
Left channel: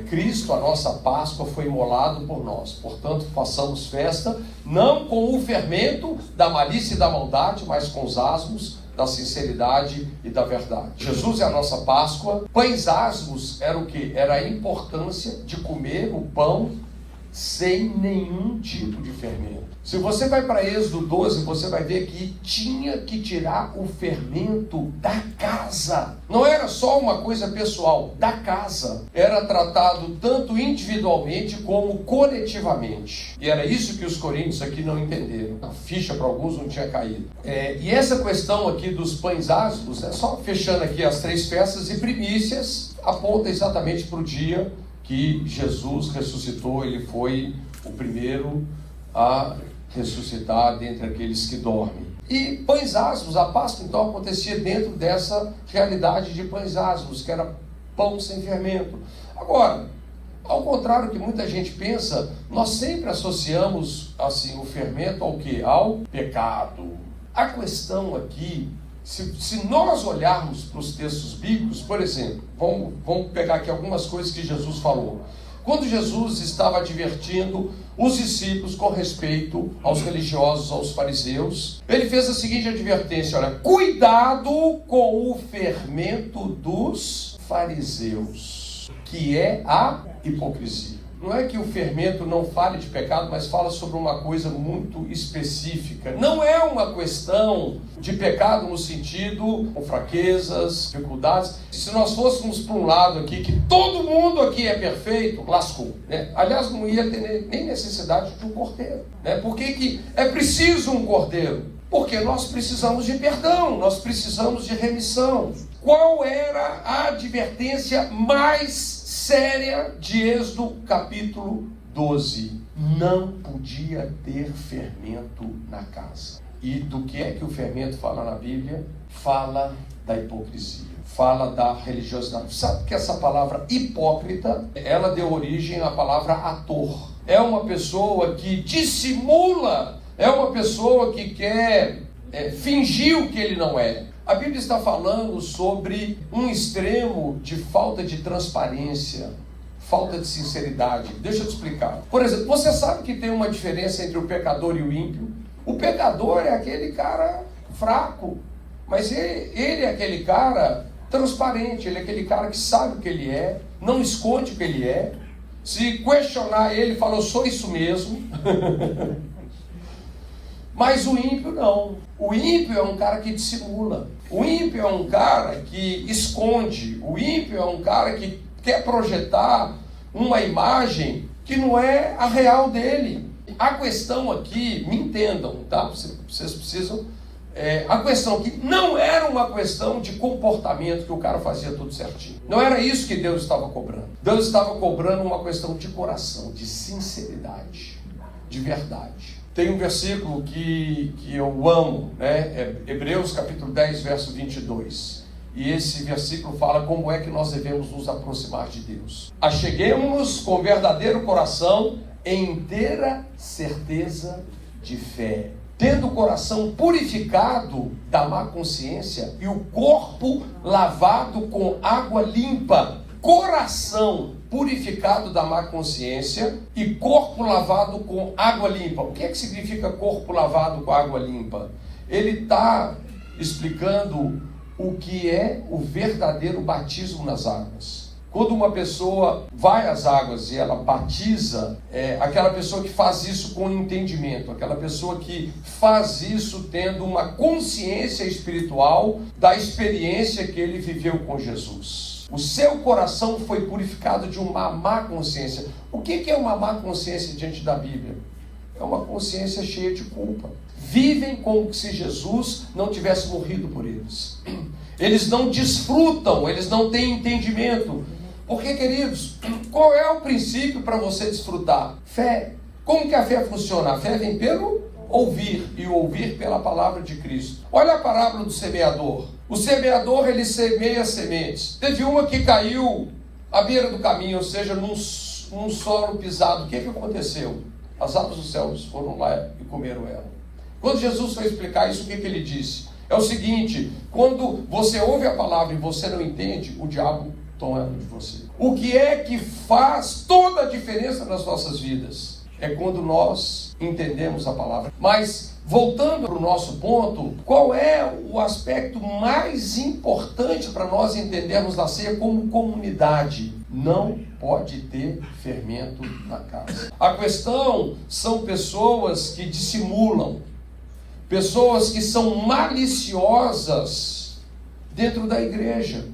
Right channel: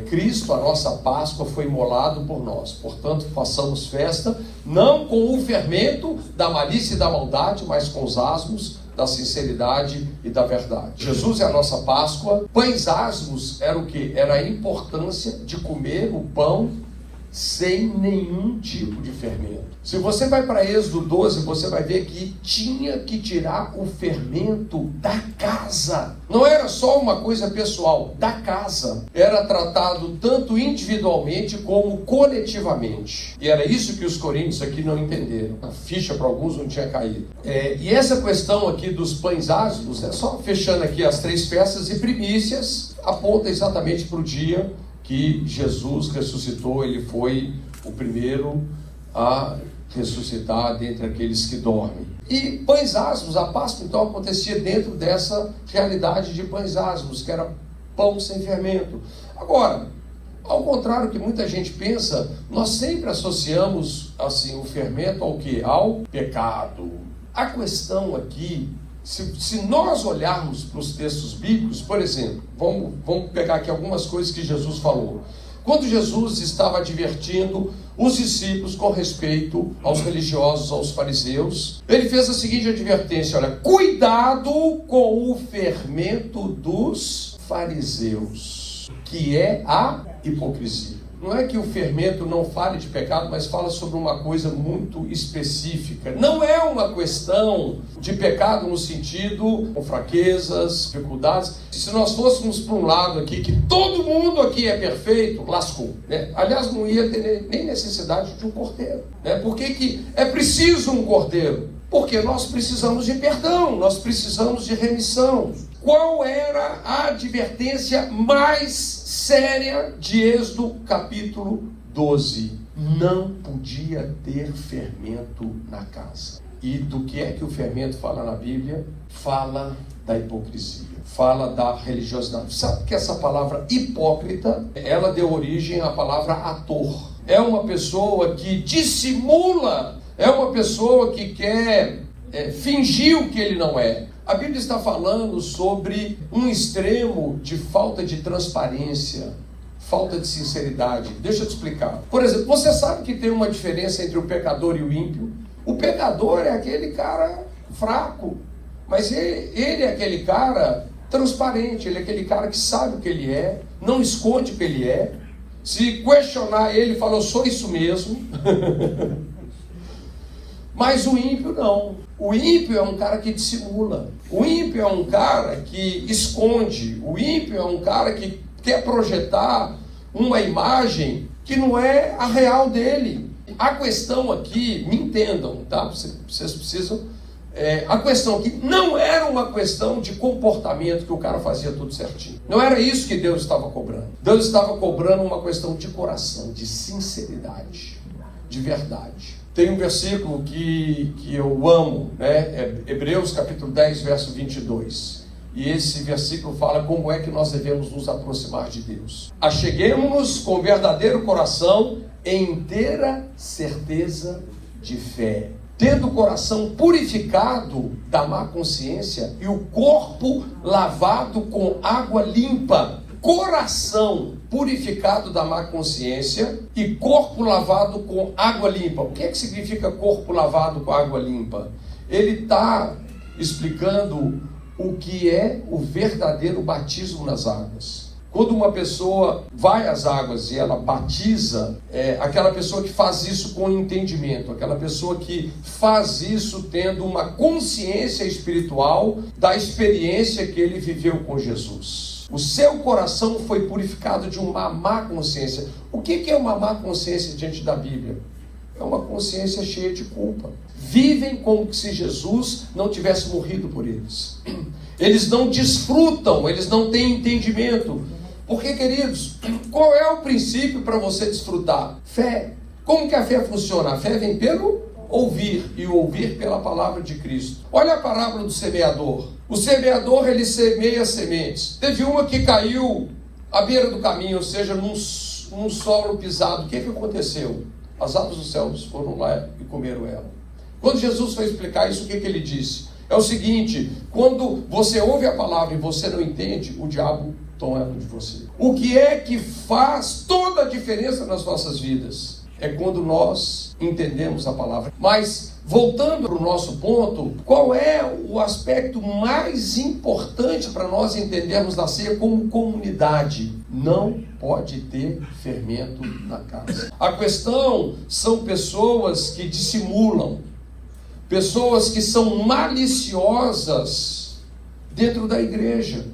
Cristo, a nossa Páscoa, foi imolado por nós. Portanto, façamos festa, não com o fermento da malícia e da maldade, mas com os asmos da sinceridade e da verdade. Jesus é a nossa Páscoa. Pães asmos era o quê? Era a importância de comer o pão sem nenhum tipo de fermento. Se você vai para Êxodo 12, você vai ver que tinha que tirar o fermento da casa. Não era só uma coisa pessoal, da casa. Era tratado tanto individualmente como coletivamente. E era isso que os coríntios aqui não entenderam. A ficha para alguns não tinha caído. E essa questão aqui dos pães ázimos, né, só fechando aqui as 3 festas e primícias, aponta exatamente para o dia que Jesus ressuscitou. Ele foi o primeiro a ressuscitar dentre aqueles que dormem. E pães ázimos, a Páscoa então acontecia dentro dessa realidade de pães ázimos, que era pão sem fermento. Agora, ao contrário do que muita gente pensa, nós sempre associamos assim o fermento ao quê? Ao pecado. A questão aqui, se nós olharmos para os textos bíblicos, por exemplo, vamos pegar aqui algumas coisas que Jesus falou. Quando Jesus estava advertindo os discípulos com respeito aos religiosos, aos fariseus, ele fez a seguinte advertência: olha, cuidado com o fermento dos fariseus, que é a hipocrisia. Não é que o fermento não fale de pecado, mas fala sobre uma coisa muito específica. Não é uma questão de pecado no sentido com fraquezas, dificuldades. Se nós fôssemos para um lado aqui, que todo mundo aqui é perfeito, lascou, né? Aliás, não ia ter nem necessidade de um cordeiro, né? Por que é preciso um cordeiro? Porque nós precisamos de perdão, nós precisamos de remissão. qual era a advertência mais séria de Êxodo capítulo 12? Não podia ter fermento na casa. E do que é que o fermento fala na Bíblia? Fala da hipocrisia, fala da religiosidade. Sabe que essa palavra hipócrita, ela deu origem à palavra ator. É uma pessoa que dissimula, é uma pessoa que quer fingir o que ele não é. A Bíblia está falando sobre um extremo de falta de transparência, falta de sinceridade. Deixa eu te explicar. Por exemplo, você sabe que tem uma diferença entre o pecador e o ímpio? O pecador é aquele cara fraco, mas ele é aquele cara transparente, ele é aquele cara que sabe o que ele é, não esconde o que ele é. Se questionar ele, fala, eu sou isso mesmo. Mas o ímpio não. O ímpio é um cara que dissimula. O ímpio é um cara que esconde. O ímpio é um cara que quer projetar uma imagem que não é a real dele. A questão aqui, me entendam, tá? Vocês precisam... a questão aqui não era uma questão de comportamento, que o cara fazia tudo certinho. Não era isso que Deus estava cobrando. Deus estava cobrando uma questão de coração, de sinceridade, de verdade. Tem um versículo que eu amo, né? Hebreus capítulo 10, verso 22. E esse versículo fala como é que nós devemos nos aproximar de Deus. Acheguemo-nos com verdadeiro coração, em inteira certeza de fé, tendo o coração purificado da má consciência e o corpo lavado com água limpa. Coração purificado da má consciência e corpo lavado com água limpa. O que é que significa corpo lavado com água limpa? Ele está explicando o que é o verdadeiro batismo nas águas. Quando uma pessoa vai às águas e ela batiza, aquela pessoa que faz isso com entendimento, aquela pessoa que faz isso tendo uma consciência espiritual da experiência que ele viveu com Jesus. O seu coração foi purificado de uma má consciência. O que é uma má consciência diante da Bíblia? É uma consciência cheia de culpa. Vivem como se Jesus não tivesse morrido por eles. Eles não desfrutam, eles não têm entendimento. Porque, queridos, qual é o princípio para você desfrutar? Fé. Como que a fé funciona? A fé vem pelo ouvir, e o ouvir pela palavra de Cristo. Olha a parábola do semeador. O semeador, ele semeia sementes. Teve uma que caiu à beira do caminho, ou seja, num solo pisado. O que aconteceu? As aves dos céus foram lá e comeram ela. Quando Jesus foi explicar isso, o que ele disse? É o seguinte: quando você ouve a palavra e você não entende, o diabo toma de você. O que é que faz toda a diferença nas nossas vidas? É quando nós entendemos a palavra. Mas, voltando para o nosso ponto, qual é o aspecto mais importante para nós entendermos a ceia como comunidade? Não pode ter fermento na casa. A questão são pessoas que dissimulam, pessoas que são maliciosas dentro da igreja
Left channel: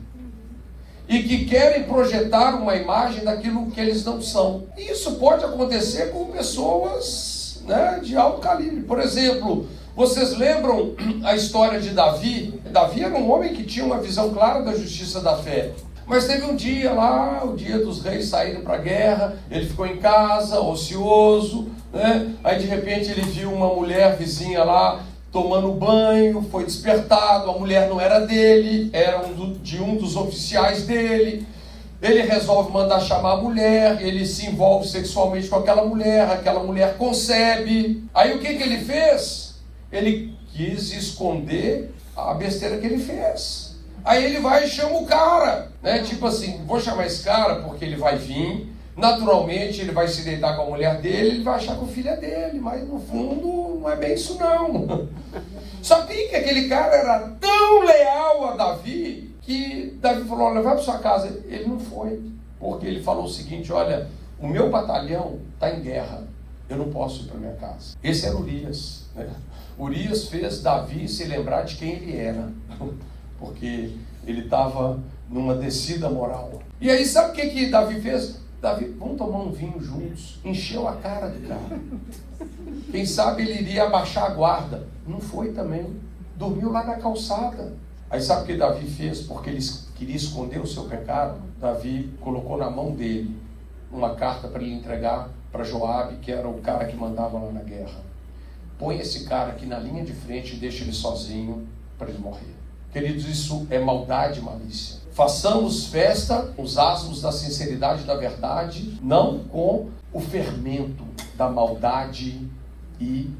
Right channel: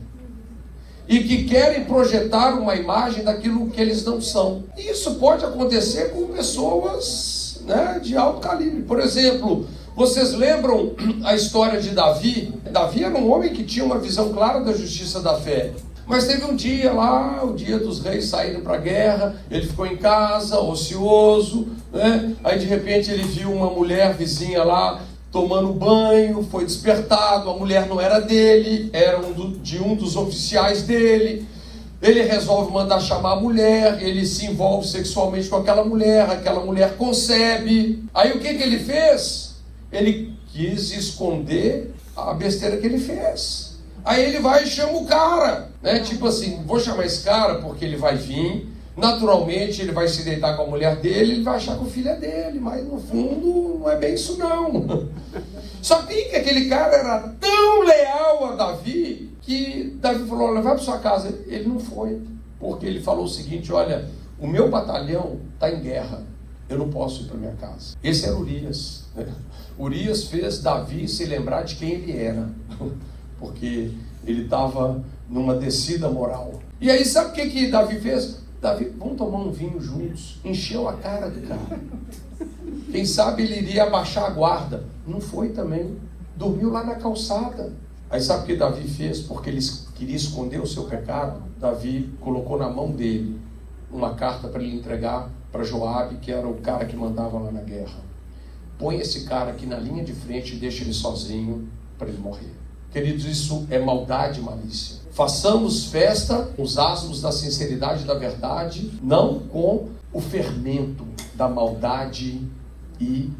e que querem projetar uma imagem daquilo que eles não são. E isso pode acontecer com pessoas, né, de alto calibre. Por exemplo, vocês lembram a história de Davi? Davi era um homem que tinha uma visão clara da justiça da fé. Mas teve um dia lá, o dia dos reis saírem para a guerra, ele ficou em casa, ocioso, né? Aí de repente ele viu uma mulher vizinha lá tomando banho, foi despertado, a mulher não era dele, era de um dos oficiais dele. Ele resolve mandar chamar a mulher, ele se envolve sexualmente com aquela mulher concebe. Aí o que ele fez? Ele quis esconder a besteira que ele fez. Aí ele vai e chama o cara, né? Tipo assim, vou chamar esse cara porque ele vai vir, naturalmente ele vai se deitar com a mulher dele, ele vai achar que o filho é dele, mas no fundo não é bem isso não. Só que aquele cara era tão leal a Davi, que Davi falou, olha, vai para sua casa. Ele não foi, porque ele falou o seguinte, olha, o meu batalhão está em guerra, eu não posso ir para minha casa. Esse era Urias, né? Urias fez Davi se lembrar de quem ele era, porque ele estava numa descida moral. E aí sabe o que Davi fez? Davi, vamos tomar um vinho juntos. Encheu a cara do cara. Quem sabe ele iria abaixar a guarda. Não foi também. Dormiu lá na calçada. Aí sabe o que Davi fez? Porque ele queria esconder o seu pecado. Davi colocou na mão dele uma carta para ele entregar para Joabe, que era o cara que mandava lá na guerra. Põe esse cara aqui na linha de frente e deixa ele sozinho para ele morrer. Queridos, isso é maldade e malícia. Façamos festa com os asmos da sinceridade e da verdade, não com o fermento da maldade e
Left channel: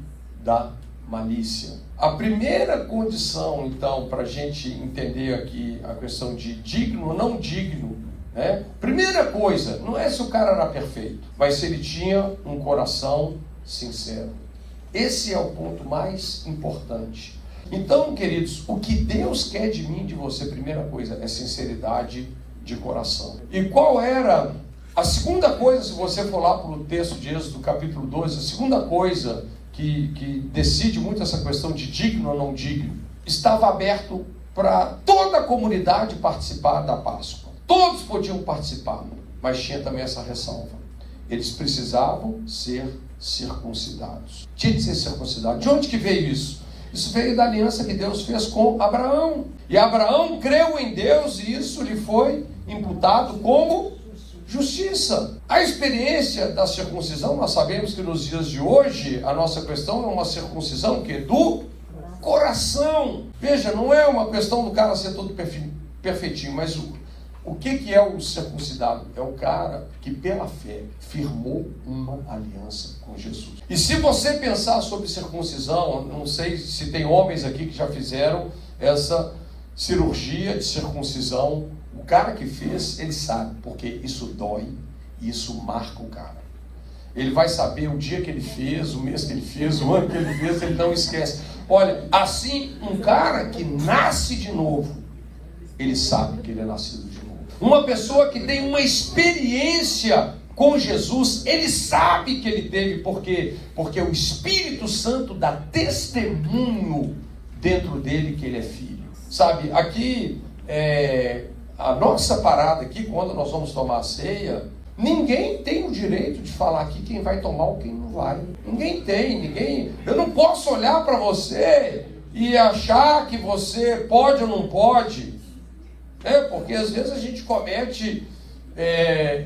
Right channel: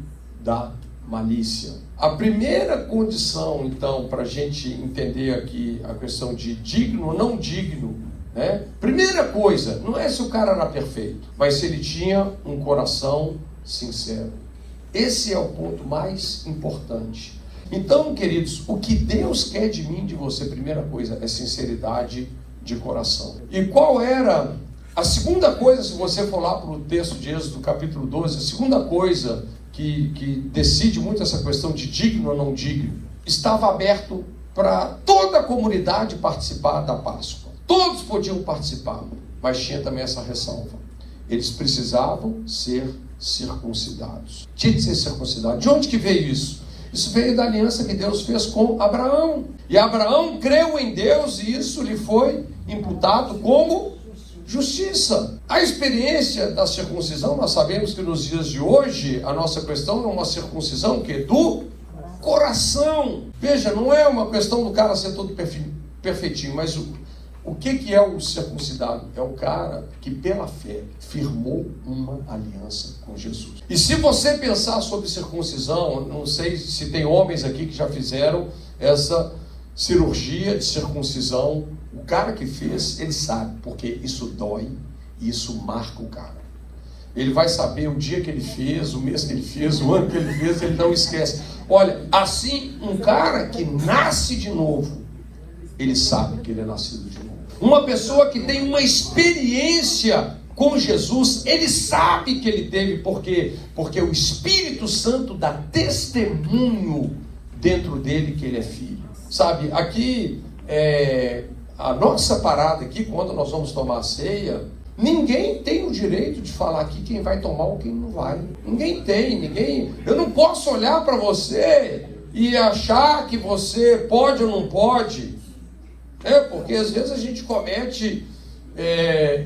da malícia. A primeira condição, então, para a gente entender aqui a questão de digno ou não digno, né? Primeira coisa, não é se o cara era perfeito, mas se ele tinha um coração sincero. Esse é o ponto mais importante. Então, queridos, o que Deus quer de mim, de você, primeira coisa, é sinceridade de coração. E qual era a segunda coisa, se você for lá para o texto de Êxodo, capítulo 12, a segunda coisa que decide muito essa questão de digno ou não digno, estava aberto para toda a comunidade participar da Páscoa. Todos podiam participar, mas tinha também essa ressalva. Eles precisavam ser circuncidados. Tinha que ser circuncidado. De onde que veio isso? Isso veio da aliança que Deus fez com Abraão. E Abraão creu em Deus e isso lhe foi imputado como justiça. A experiência da circuncisão, nós sabemos que nos dias de hoje, a nossa questão é uma circuncisão que é do coração. Veja, não é uma questão do cara ser todo perfeitinho, mas o que é o circuncidado? É o cara que pela fé firmou uma aliança com Jesus. E se você pensar sobre circuncisão, não sei se tem homens aqui que já fizeram essa cirurgia de circuncisão. O cara que fez, ele sabe, porque isso dói e isso marca o cara. Ele vai saber o dia que ele fez, o mês que ele fez, o ano que ele fez, ele não esquece. Olha, assim, um cara que nasce de novo, ele sabe que ele é nascido de novo. Uma pessoa que tem uma experiência com Jesus, ele sabe que ele teve, por quê? Porque o Espírito Santo dá testemunho dentro dele que ele é filho. Sabe, aqui, a nossa parada aqui, quando nós vamos tomar a ceia, ninguém tem o direito de falar aqui quem vai tomar ou quem não vai. Ninguém. Eu não posso olhar para você e achar que você pode ou não pode. Porque às vezes a gente comete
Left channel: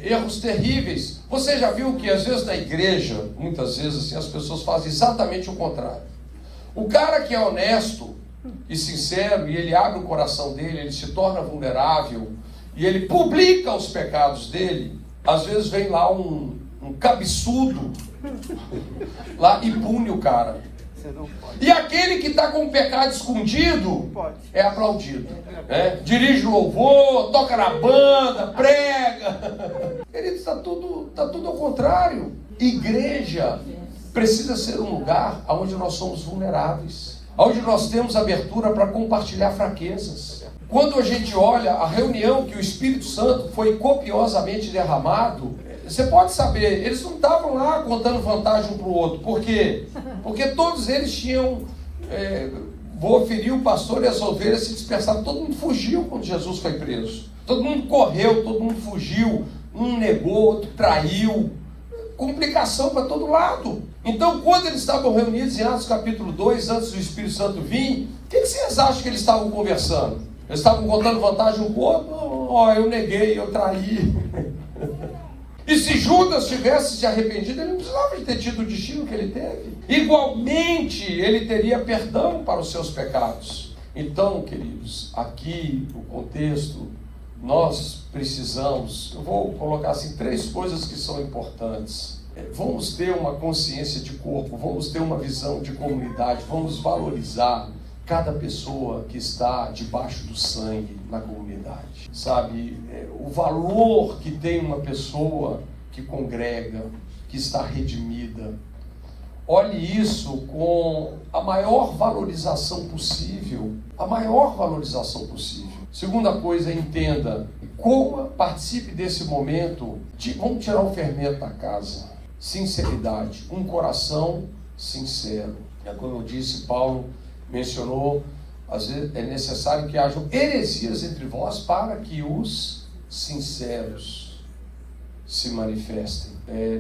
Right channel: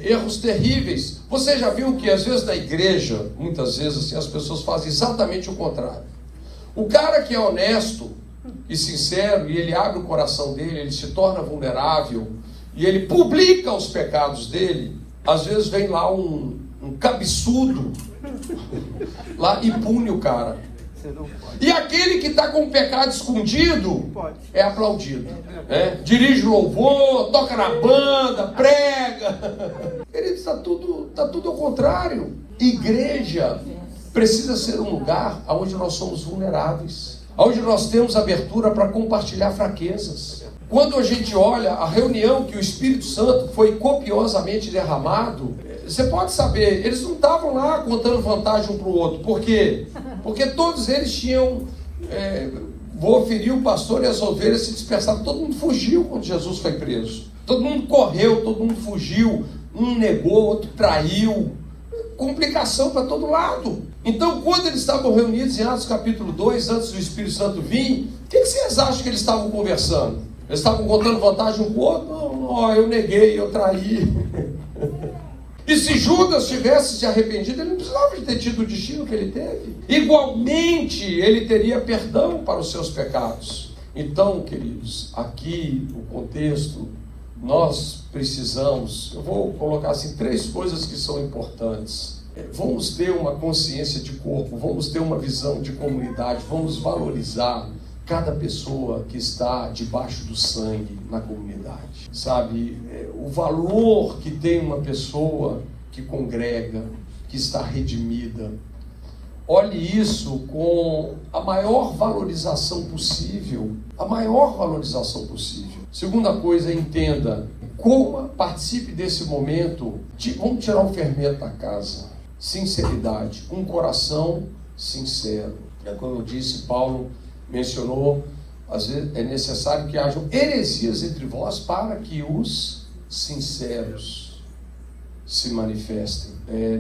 erros terríveis. Você já viu que às vezes na igreja, muitas vezes assim, as pessoas fazem exatamente o contrário. O cara que é honesto e sincero, e ele abre o coração dele, ele se torna vulnerável, e ele publica os pecados dele, às vezes vem lá um cabeçudo lá e pune o cara. E aquele que está com o pecado escondido é aplaudido. Dirige louvor, toca na banda, prega. Querido, está tudo ao contrário. Igreja precisa ser um lugar onde nós somos vulneráveis, onde nós temos abertura para compartilhar fraquezas. Quando a gente olha a reunião que o Espírito Santo foi copiosamente derramado, você pode saber, eles não estavam lá contando vantagem um para o outro. Por quê? Porque todos eles tinham... vou ferir o pastor e as ovelhas se dispersaram. Todo mundo fugiu quando Jesus foi preso. Todo mundo correu, todo mundo fugiu. Um negou, outro traiu. Complicação para todo lado. Então, quando eles estavam reunidos em Atos capítulo 2, antes do Espírito Santo vir, o que vocês acham que eles estavam conversando? Eles estavam contando vantagem um para o outro? Eu neguei, eu traí. E se Judas tivesse se arrependido, ele não precisava de ter tido o destino que ele teve. Igualmente, ele teria perdão para os seus pecados. Então, queridos, aqui o contexto, nós precisamos, eu vou colocar assim, 3 coisas que são importantes. Vamos ter uma consciência de corpo, vamos ter uma visão de comunidade, vamos valorizar cada pessoa que está debaixo do sangue na comunidade. Sabe, o valor que tem uma pessoa que congrega, que está redimida. Olhe isso com a maior valorização possível. A maior valorização possível. Segunda coisa, entenda. Participe desse momento. Vamos tirar o fermento da casa. Sinceridade. Um coração sincero. Como eu disse, Paulo mencionou, às vezes é necessário que hajam heresias entre vós para que os sinceros se manifestem.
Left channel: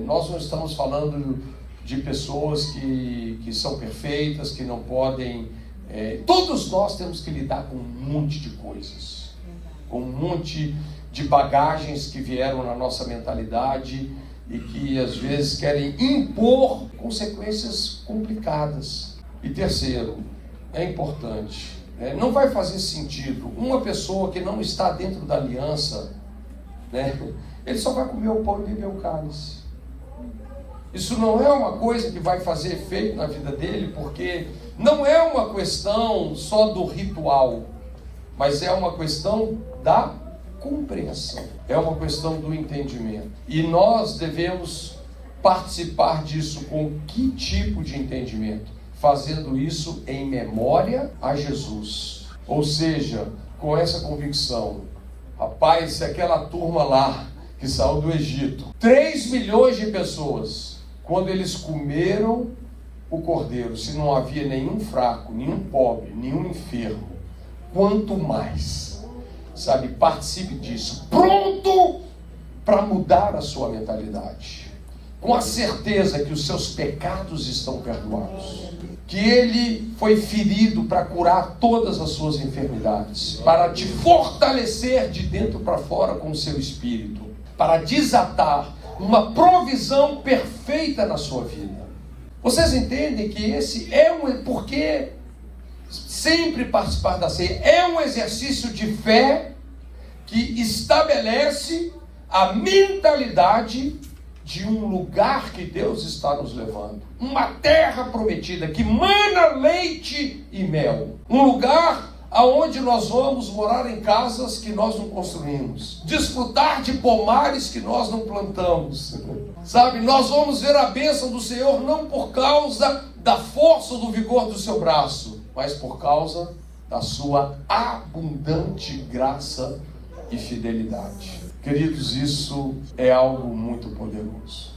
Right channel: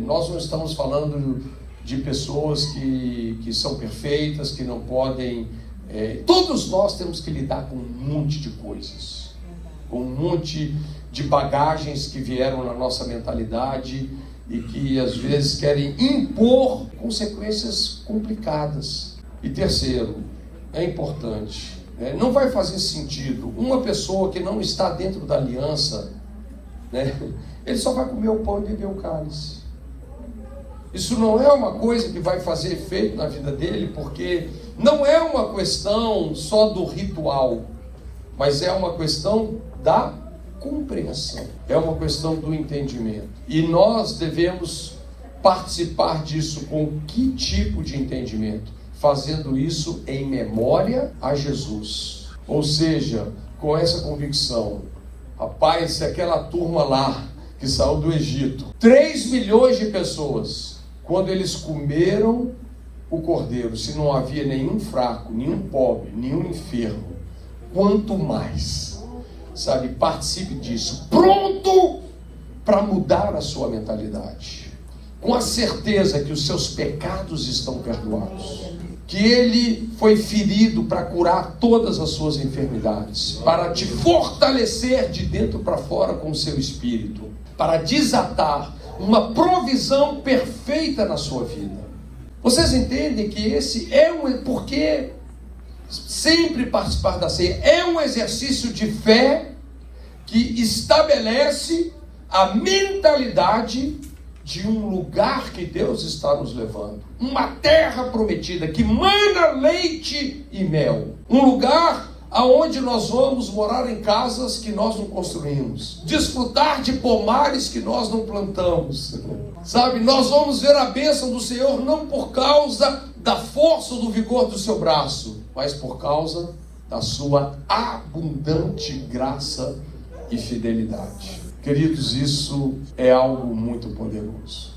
Nós não estamos falando de pessoas que são perfeitas, que não podem Todos nós temos que lidar com um monte de coisas, com um monte de bagagens que vieram na nossa mentalidade e que às vezes querem impor consequências complicadas. E terceiro, é importante, não vai fazer sentido uma pessoa que não está dentro da aliança, ele só vai comer o pão e beber o cálice. Isso não é uma coisa que vai fazer efeito na vida dele, porque não é uma questão só do ritual, mas é uma questão da compreensão, é uma questão do entendimento. E nós devemos participar disso com que tipo de entendimento? Fazendo isso em memória a Jesus. Ou seja, com essa convicção, rapaz, se aquela turma lá que saiu do Egito, 3 milhões de pessoas, quando eles comeram o cordeiro, se não havia nenhum fraco, nenhum pobre, nenhum enfermo, quanto mais, participe disso, pronto para mudar a sua mentalidade, com a certeza que os seus pecados estão perdoados, que ele foi ferido para curar todas as suas enfermidades, para te fortalecer de dentro para fora com o seu espírito, para desatar uma provisão perfeita na sua vida. Vocês entendem que esse porque sempre participar da ceia é um exercício de fé que estabelece a mentalidade de um lugar que Deus está nos levando, uma terra prometida que mana leite e mel, um lugar aonde nós vamos morar em casas que nós não construímos, desfrutar de pomares que nós não plantamos, nós vamos ver a bênção do Senhor não por causa da força ou do vigor do seu braço, mas por causa da sua abundante graça e fidelidade. Queridos, isso é algo muito poderoso.